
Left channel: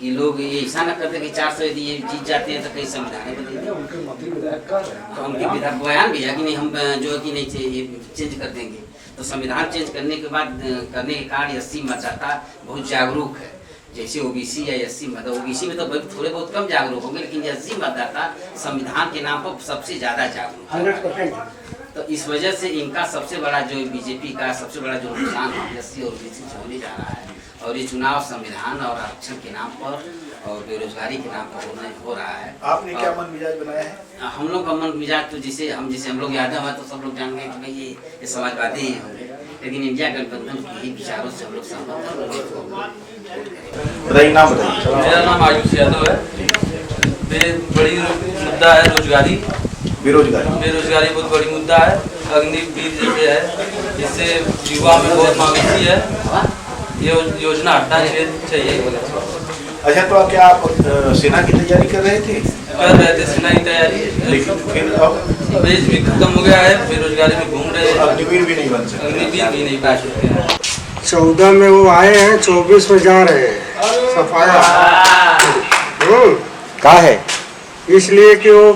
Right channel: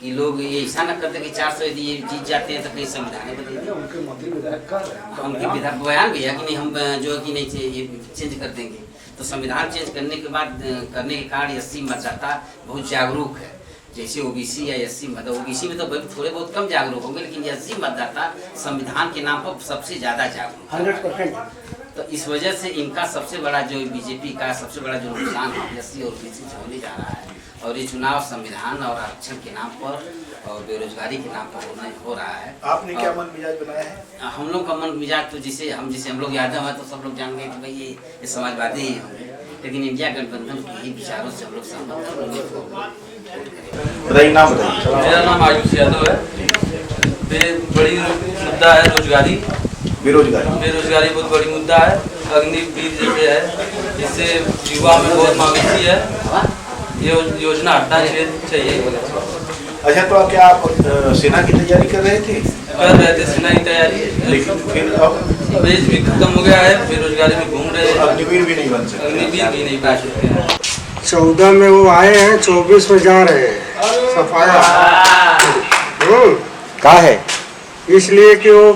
कि लोग ये ऐसा न करते कि 400 यदि ये जीत जाते हैं तो कहीं संविधान बदल दिया। उनके विधायक बयान भी है कि नहीं, हम जो है कि नहीं ये चेंज कर देंगे। तो संविधान चेंज करने के बाद करने के कारण SC मतदाता बहुत जागरूक है। जैसे OBC या SC मतलब OBC में तो थोड़े बहुत कम जागरूक होंगे, लेकिन SC मतदाता संविधान के नाम पर सबसे ज़्यादा जागरूक 100%। तो इस वजह से इनका सबसे बड़ा जो बीजेपी का सबसे बड़ा जो नुकसान SC और OBC से होने जा रहा है। और ये चुनाव संविधान और आरक्षण के नाम पर और बेरोजगारी के नाम पर हो रहा है। आपने क्या मन मिजाज बनाया है? हम लोग का मन मिजाज तो जिसे हम लोग यादव है तो सब लोग जान गए कि भाई ये समाजवादी ही होंगे, लेकिन इंडिया गठबंधन के ही विचारों से हम लोग सहमत हैं। मेरा नाम आयुष यादव है। बड़ी मुद्दा है रोजगारी, बेरोजगारी बहुत बड़ी मुद्दा है। अग्निवीर जैसे है, जिससे युवा में बहुत मवेशी है, ये योजना हटानी चाहिए। अच्छा, तो क्या आप सेना की तैयारी कर रहे थे? सेना की तैयारी, लेकिन फिर अब दस्तावेज भी खत्म हो गया है, बेरोजगारी में घूम रहे हैं, अग्निवीर भी नहीं बन सकते, अग्निवीर भी नहीं बन सकते हैं। 14 में वो आए हैं, 24 में जा रहे हैं सफाया। का है इसलिए कि वो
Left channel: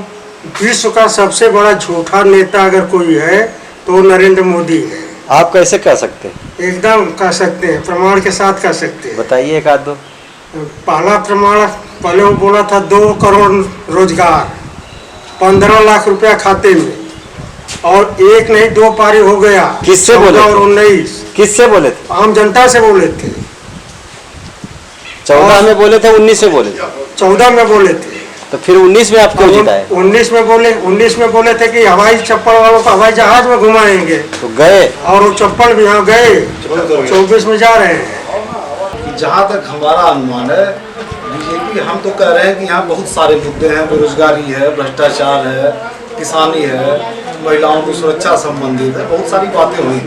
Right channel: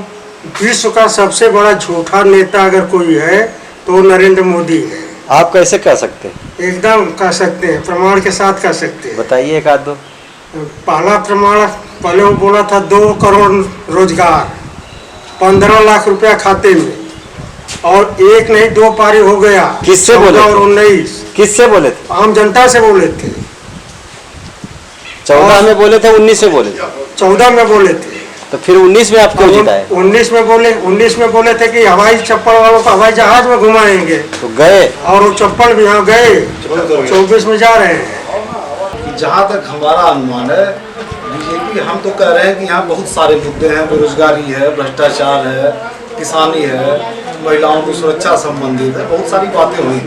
विश्व का सबसे बड़ा झूठा नेता अगर कोई है तो नरेंद्र मोदी है। आप कैसे कह सकते हैं? एकदम कह सकते हैं, प्रमाण के साथ कह सकते हैं। बताइए एक आध दो। पहला प्रमाण, पहले वो बोला था 2 करोड़ रोजगार, 15 लाख रुपया खाते में, और एक नहीं 2 पारी हो गया। किससे बोले? और 19 किससे बोले थे? आम जनता से बोले थे। 14 में बोले थे, 19 में बोले थे? 14 में बोले थे। तो फिर 19 में आप क्यों जिताए? 19 में बोले थे कि हवाई चप्पल वालों को हवाई जहाज में घुमाएंगे, तो गए, और वो चप्पल भी यहाँ गए। 24 में जा रहे हैं। जहाँ तक हमारा अनुमान है, बीजेपी, हम तो कह रहे हैं कि यहाँ बहुत सारे मुद्दे हैं, बेरोजगारी है, भ्रष्टाचार है, किसानी है, महिलाओं की सुरक्षा संबंधित है, बहुत सारी बातें हुई।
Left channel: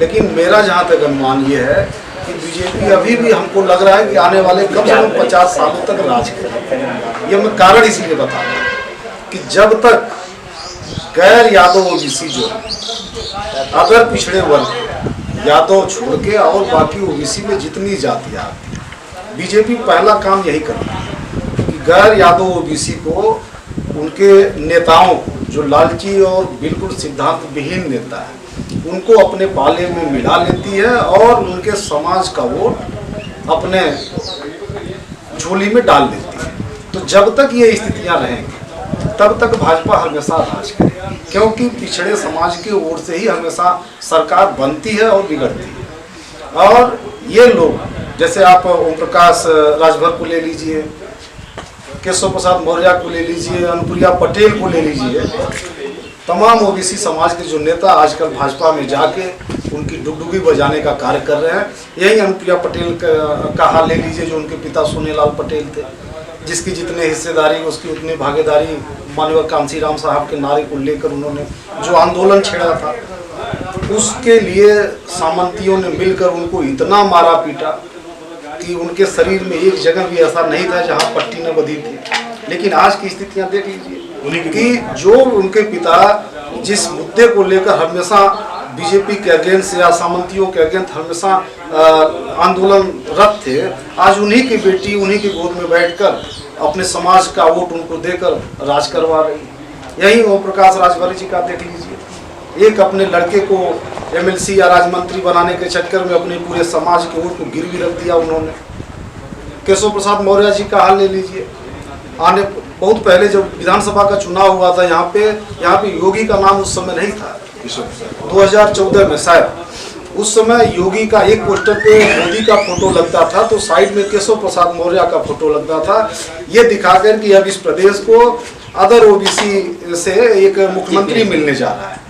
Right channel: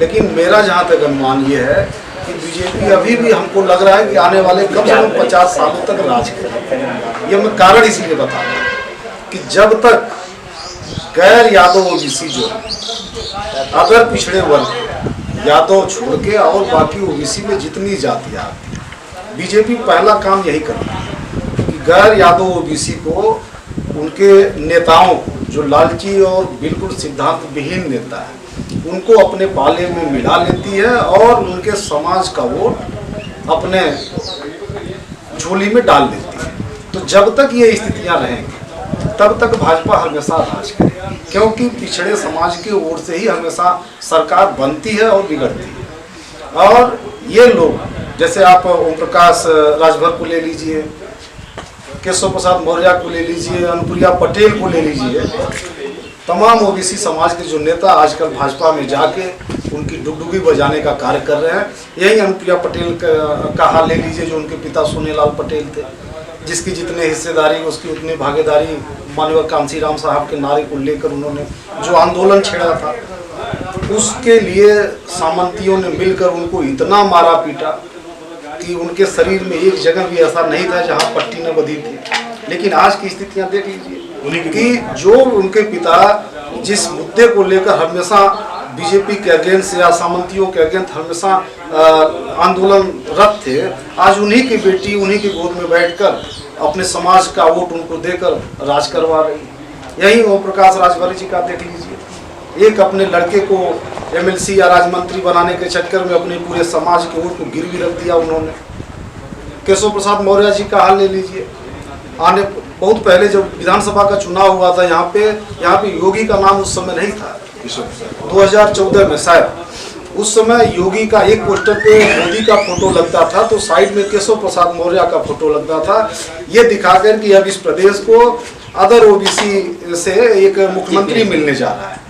लेकिन मेरा जहाँ तक अनुमान ये है कि बीजेपी अभी भी, हमको लग रहा है कि आने वाले कम से कम 50 सालों तक राज करेगी। ये मैं कारण इसीलिए बता रहा हूँ कि जब तक गैर यादव ओबीसी जो है, अगर पिछड़े वर्ग यादव छोड़ के और बाकी ओबीसी में जितनी जातियाँ, बीजेपी पहला काम यही करती है कि गैर यादव ओबीसी को, उनके नेताओं जो लालची और बिल्कुल सिद्धांत विहीन नेता है, उनको अपने पाले में मिला लेती है और उनके समाज का वोट अपने झोली में डाल देती है। तो जब तक ये स्थितियां रहेंगी तब तक भाजपा हमेशा राज करेगी, क्योंकि पिछड़े समाज की ओर से ही हमेशा सरकार बनती है और बिगड़ती है। और ये लोग, जैसे आप ओम प्रकाश राजभर को ले लीजिए, केशव प्रसाद मौर्य को ले लीजिए, अनुप्रिया पटेल को ले लीजिए, तमाम ओबीसी समाज के जो नेता आजकल भाजपा में जाके उनकी डुगडुगी बजाने का कार्य कर रहे हैं। यही अनुप्रिया पटेल का हाल ले लीजिए, जो उनके पिता सोनेलाल पटेल थे, जिसकी जितने हिस्सेदारी उसकी उतनी भागीदारी, माननीय कांशीराम साहब के नारे को लेकर उन्होंने जो आंदोलन छेड़ा था, उसके लिए सामंतियों ने मिलकर उनको इतना मारा पीटा कि उनके शरीर में एक जगह भी ऐसा नहीं था जहाँ पट्टी न बधी थी। लेकिन आज की स्थितियाँ देख लीजिए कि जो उनके पिता जिस मुद्दे को लेकर हमेशा बीजेपी के अगेंस्ट या सामंतियों के अगेंस्ट हमेशा आंदोलनरत थे, आज उन्हीं की बेटी उन्हीं की गोद में बैठकर अपने समाज का वोट उनको देकर राज करवा रही। यही ओम प्रकाश राजभर जी का देख लीजिए, एक अपने लड़के को एमएलसी या राज्यमंत्री बनाने के चक्कर में अपने पूरे समाज के वोट को गिरवी रख दिया उन्होंने। केशव प्रसाद मौर्य जी का हाल ले लीजिए, आने बहुत पहले जब विधानसभा का चुनाव हुआ था यहाँ पे योगी का नाम उस समय नहीं था, 2014 में शायद, उस समय योगी का एक पोस्टर पे मोदी का फोटो लगता था तो साइड में केशव प्रसाद मौर्य का फोटो लगता था, ये दिखाकर कि अब इस प्रदेश को अदर ओबीसी से एक मुख्यमंत्री मिलने जा रहा है।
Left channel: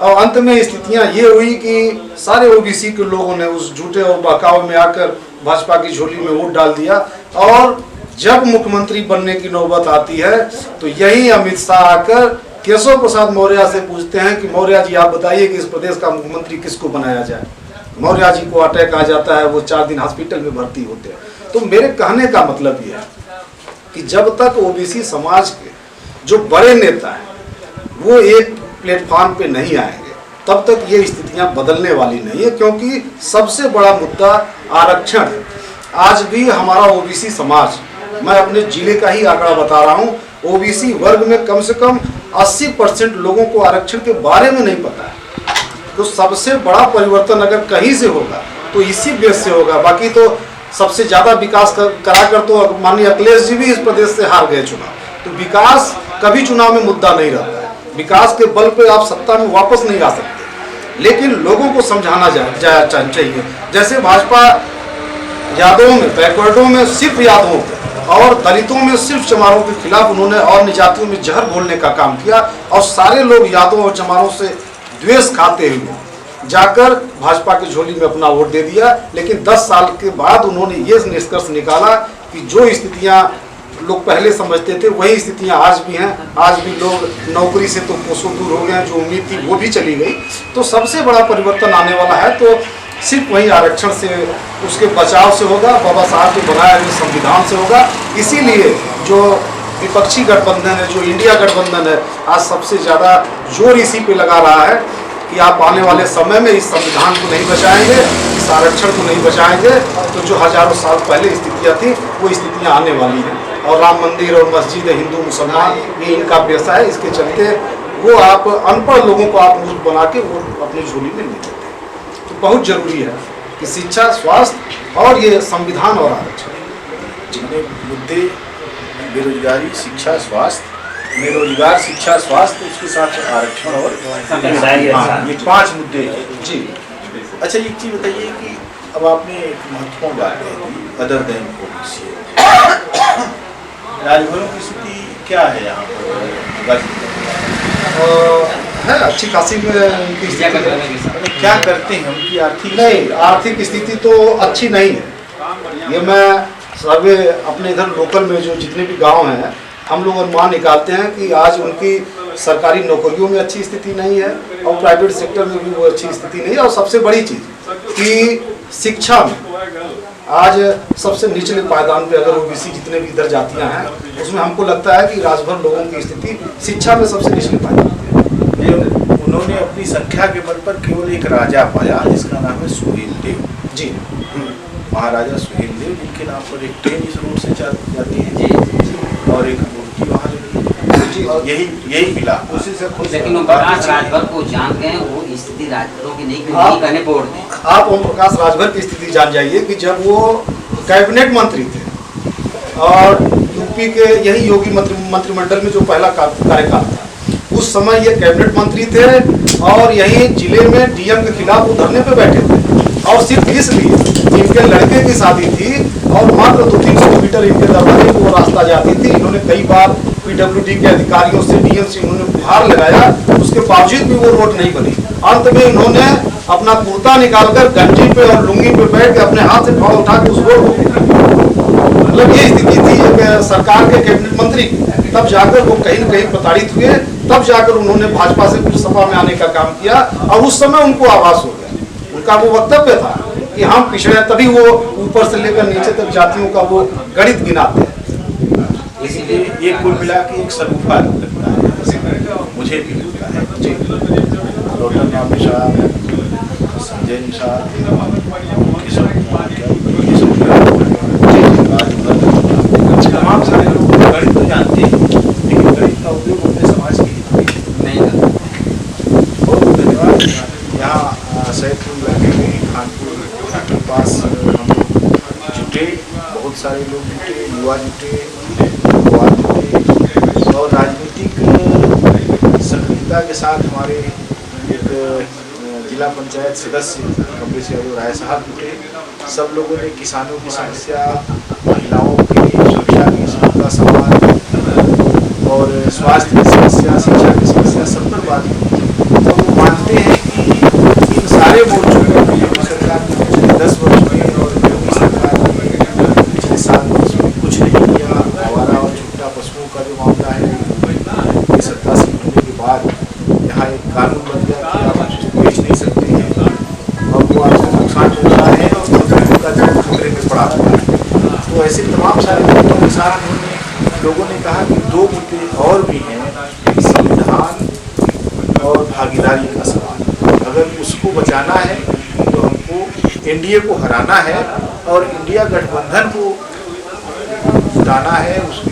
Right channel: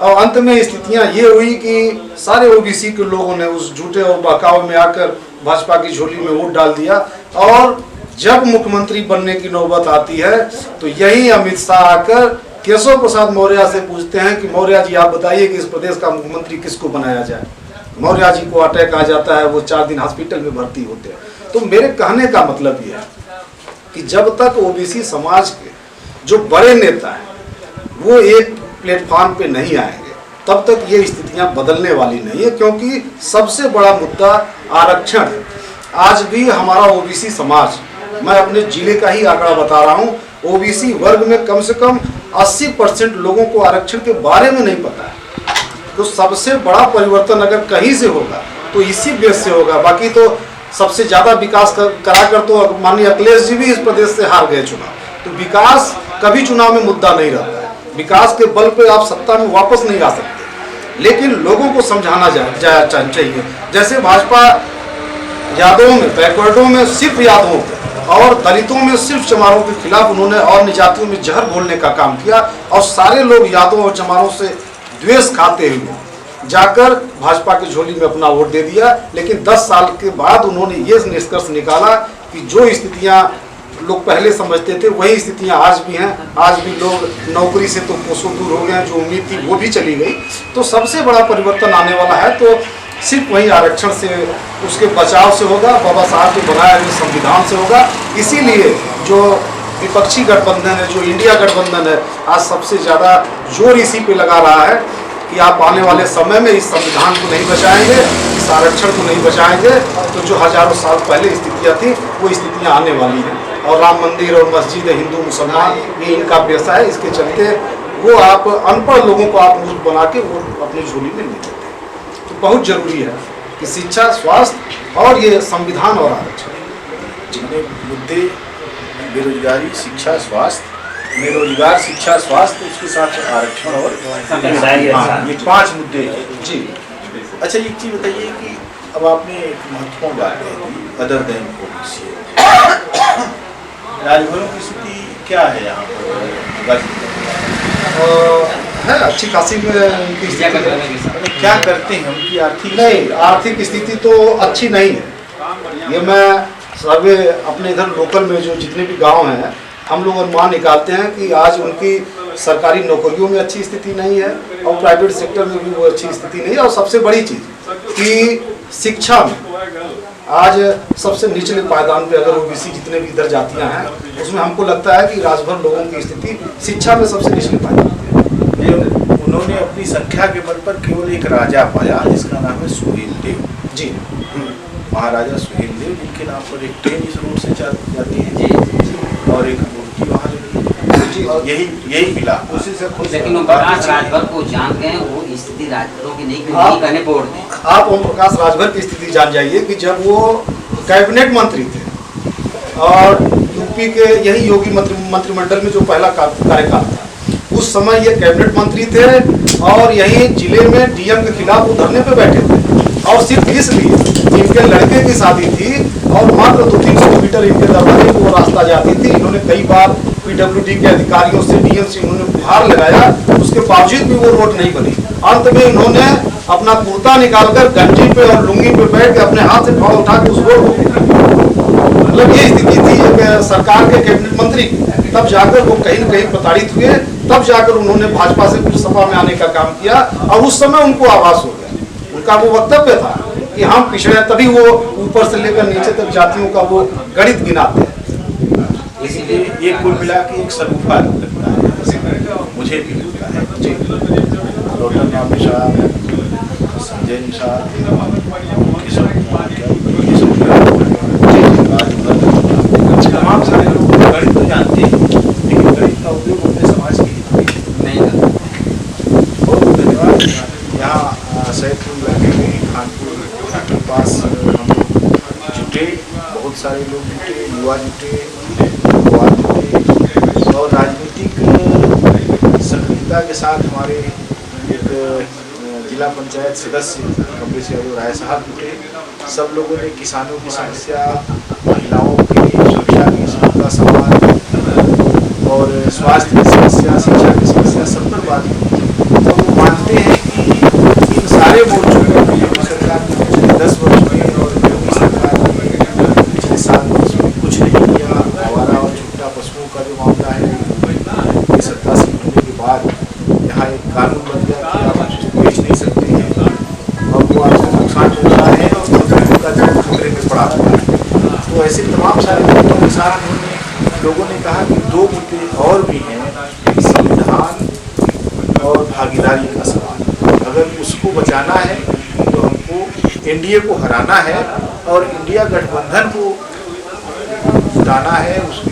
और अंत में स्थितियां ये हुई कि सारे ओबीसी के लोगों ने उस झूठे और बहकावे में आकर भाजपा की झोली में वोट डाल दिया। और जब मुख्यमंत्री बनने की नौबत आती है तो यही अमित शाह आकर केशव प्रसाद मौर्य से पूछते हैं कि मौर्य जी आप बताइए कि इस प्रदेश का मुख्यमंत्री किसको बनाया जाए। मौर्य जी को अटैक आ जाता है, वो 4 दिन हॉस्पिटल में भर्ती होते हैं। तो मेरे कहने का मतलब ये है कि जब तक ओबीसी समाज के जो बड़े नेता हैं वो एक प्लेटफॉर्म पे नहीं आएंगे तब तक ये स्थितियां बदलने वाली नहीं है, क्योंकि सबसे बड़ा मुद्दा आरक्षण है। आज भी हमारा ओबीसी समाज, मैं अपने जिले का ही आंकड़ा बता रहा हूँ, ओबीसी वर्ग में कम से कम 80% लोगों को आरक्षण के बारे में नहीं पता है। तो सबसे बड़ा परिवर्तन अगर कहीं से होगा तो इसी बेस से होगा। बाकी तो सबसे ज़्यादा विकास कराकर तो माननीय अखिलेश जी भी इस प्रदेश से हार गए चुनाव। तो विकास कभी चुनाव में मुद्दा नहीं रहता है, विकास के बल पे आप सत्ता में वापस नहीं आ सकते, लेकिन लोगों को समझाना चाहिए। जैसे भाजपा यादवों में, बैकवर्डों में सिर्फ यादवों और दलितों में सिर्फ चमारों के खिलाफ उन्होंने और निजातियों में जहर घोलने का काम किया और सारे लोग यादवों और चमारों से द्वेष खाते हुए जाकर भाजपा की झोली में अपना वोट दे दिया। लेकिन 10 साल के बाद उन्होंने ये निष्कर्ष निकाला कि जो स्थितियां लोग पहले समझते थे वही स्थितियां आज भी हैं। आज भी लोग नौकरी से तो कोसों दूर हो गए, जो उम्मीद थी वो भी चली गई। तो सबसे बड़ा परिवर्तन आने वाला है तो सिर्फ वही आरक्षण से, उसके बचाव से होगा, बाबा साहब के बनाए हुए संविधान से होगा। इसीलिए जो विपक्षी गठबंधन है, जो इंडिया गठबंधन है, आज सबसे ज़्यादा जोर इसी पे लगा रहा है कि आप आने वाले समय में इस संविधान को नहीं बचाएंगे, इस आरक्षण को नहीं बचाएंगे, तो जो हजारों साल पहले स्थितियाँ थी वो स्थितियाँ आने वाली हैं। और राम मंदिर और मस्जिद, हिंदू मुसलमान, ये इनका पेशा है, इसके चलते वो आप अनपढ़ लोगों को आप मूर्ख बना के वो अपनी झोली में ले लेते हैं। तो बहुत जरूरी है कि शिक्षा, स्वास्थ्य और ये संविधान और आरक्षण, जितने मुद्दे बेरोजगारी, शिक्षा, स्वास्थ्य, में रोजगार, शिक्षा, स्वास्थ्य, उसके साथ आरक्षण और हाँ, ये 5 मुद्दे हैं। जी। अच्छा, एक चीज़ बताइए कि अब आपने एक महत्वपूर्ण बात कही, अदर देन ओबीसी, राजभरों की स्थिति क्या है यहाँ पर? है अच्छी खासी में उनकी स्थिति, क्या करते हैं उनकी आर्थिक? नहीं, आर्थिक स्थिति तो अच्छी नहीं है। ये मैं सर्वे अपने इधर लोकल में जो जितने भी गांव हैं, हम लोग अनुमान निकालते हैं कि आज उनकी सरकारी नौकरियों में अच्छी स्थिति नहीं है और प्राइवेट सेक्टर में भी वो अच्छी स्थिति नहीं है। और सबसे बड़ी चीज़ कि शिक्षा में आज सबसे निचले पायदान पे अगर ओबीसी जितने भी इधर जातियां हैं, उसमें हमको लगता है कि राजभर लोगों की स्थिति शिक्षा में सबसे निचले पायदान पे। उन्होंने अपनी संख्या के बल पर केवल एक राजा पाया जिसका नाम है सुहेल देव जी, महाराजा सुहेल देव, जिनके नाम पर एक ट्रेन इस रोड से जाती है और एक मूर्ति वहाँ यही मिला उसी से खुश। लेकिन ओम प्रकाश राजभर को जान गए, वो स्थिति राजभरों की नहीं कहने बोर्ड में। आप ओम प्रकाश राजभर की स्थिति जान जाइए कि जब वो कैबिनेट मंत्री थे और यूपी के यही योगी मंत्रिमंडल में जो पहला कार्यकाल था, उस समय ये कैबिनेट मंत्री थे और यही जिले में डीएम के खिलाफ वो धरने पे बैठे थे। और सिर्फ इसलिए इनके लड़के की शादी थी और मात्र 200-300 मीटर इनके दरवाजे को वो रास्ता जाती थी। इन्होंने कई बार पीडब्ल्यूडी के अधिकारियों से, डीएम से इन्होंने गुहार लगाया, उसके बावजूद भी वो रोड नहीं बनी। अंत में इन्होंने अपना कुर्ता निकालकर गंजी पे और लुंगी पे बैठ के अपने हाथ से फाड़ उठा के उस रोड को, मतलब ये स्थिति थी एक सरकार के कैबिनेट मंत्री की। तब जाकर वो कहीं न कहीं प्रताड़ित हुए, तब जाकर उन्होंने भाजपा से कुछ सपा में आने का काम किया और उस समय उनको आभास हो गया। उनका वो वक्तव्य था कि हम पिछड़े, तभी वो ऊपर से लेकर नीचे तक जातियों का वो गणित गिनाते हैं। इसलिए ये कुल मिला के एक सरूफा लगता है, मुझे भी लगता है। जी, डॉक्टर नाम निशाद, संजय निशाद, किशोर कुमार, तमाम सारे लोग गणित तो जानते हैं, लेकिन गणित का उपयोग अपने समाज के हित में नहीं करते। बहुत बहुत धन्यवाद। यहाँ सैदपुर में खानपुर के पास हम जुटे, बहुत सारे लोग जुटे, युवा जुटे और राजनीतिक सक्रियता के साथ हमारे एक जिला पंचायत सदस्य कमलेश यादव राय साहब जुटे। सब लोगों ने किसानों की समस्या, महिलाओं की सुरक्षा की समस्या, समाज और स्वास्थ्य की समस्या, शिक्षा की समस्या, सब पर बात की। तो वो मानते हैं कि इन सारे मोर्चों पर योगी सरकार ने पिछले 10 वर्ष में और योगी सरकार ने पिछले 7 वर्ष में कुछ नहीं किया। आवारा और छुट्टा पशुओं का जो मामला है, ये सत्ता से होने के बाद यहाँ एक कानून बन गया कि आप बेच नहीं सकते हैं और वो आपको नुकसान पहुँचा है और का जो खतरे में पड़ा हुआ है। तो ऐसे तमाम सारे मुद्दों के साथ लोगों ने कहा कि 2 मुद्दे और भी हैं, संविधान और भागीदारी का सवाल। अगर उसको बचाना है तो हमको एनडीए को हराना है और इंडिया गठबंधन को जुटाना है, उसकी